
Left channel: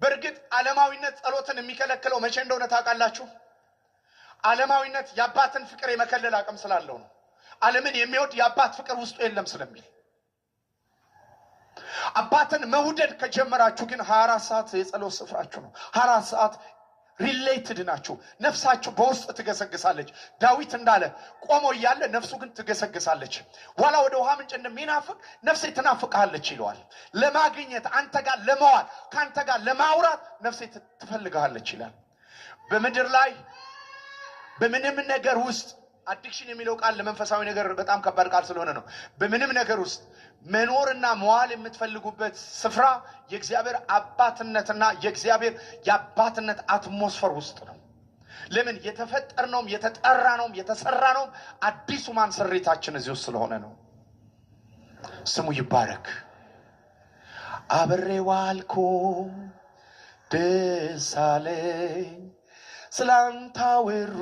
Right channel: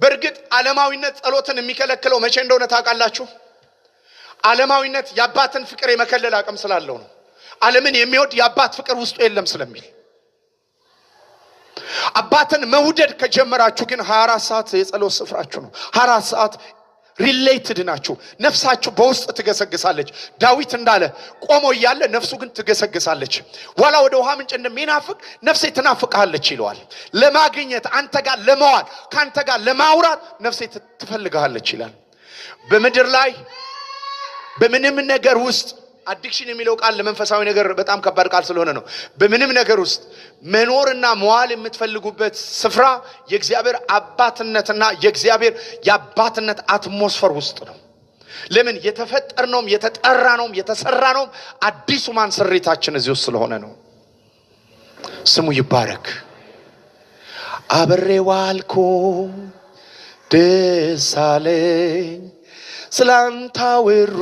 በእርግጥ ዓለማዊነት ጸሎትን የሚከለክለው መቼ እንደሆነ ታውቃላችሁ? ዓለማዊነት የአባትን ፍቅር የመከለል አቅም ስላለው ነው። ዓለምን የሚወድ የአባት ፍቅር ውስጡ የለም ስለሚል። አባትን መውደድ ከጀመራችሁ ግን 24 ሰዓት የጸሎት ስፍራችሁ ነው። 24 ሰዓት ሪሌትድ ናችሁ። ነፍሳችሁ በውስጥ ትገሰግሳለች። ዳዊት እንዳለ ቆሞ እያለ ነፍሱ ግን ትገሰግሳለች። ዋላ ወደ ውሃ ምንጭ እንደሚናፍቅ ነፍሴ ትናፍቅሃለች ይለዋል። ለማግኘት አንተ ጋር ለመዋል ካንተ ጋር ለማውራት ነፍሴ ትፈልግሃለች ይላል። በምድር ላይ በምንም ነገር ውስጥ አዲክሽን የሚለው ቃል ለመንፈሳዊ ነገር በጣም ከባድ ቃል ስለሆነ ነው። በምንም ነገር ውስጥ መኖርና መዋል የምትፈልጉበት ስፍራ የእግዚአብሔር አባትነትና የእግዚአብሔር የአባትነት አትሞስፈር ውስጥ ነው። ለምን የተፈጠርነውም የተጠራነውም የተሰራነውም አዲሱ ማን ስሪታችን እዚህ ውስጥ ስለሆነ ነው። ስሙ ይባረክ። አብሬ ዋልኩ ደስ አለኝ ስላንተ አወሩ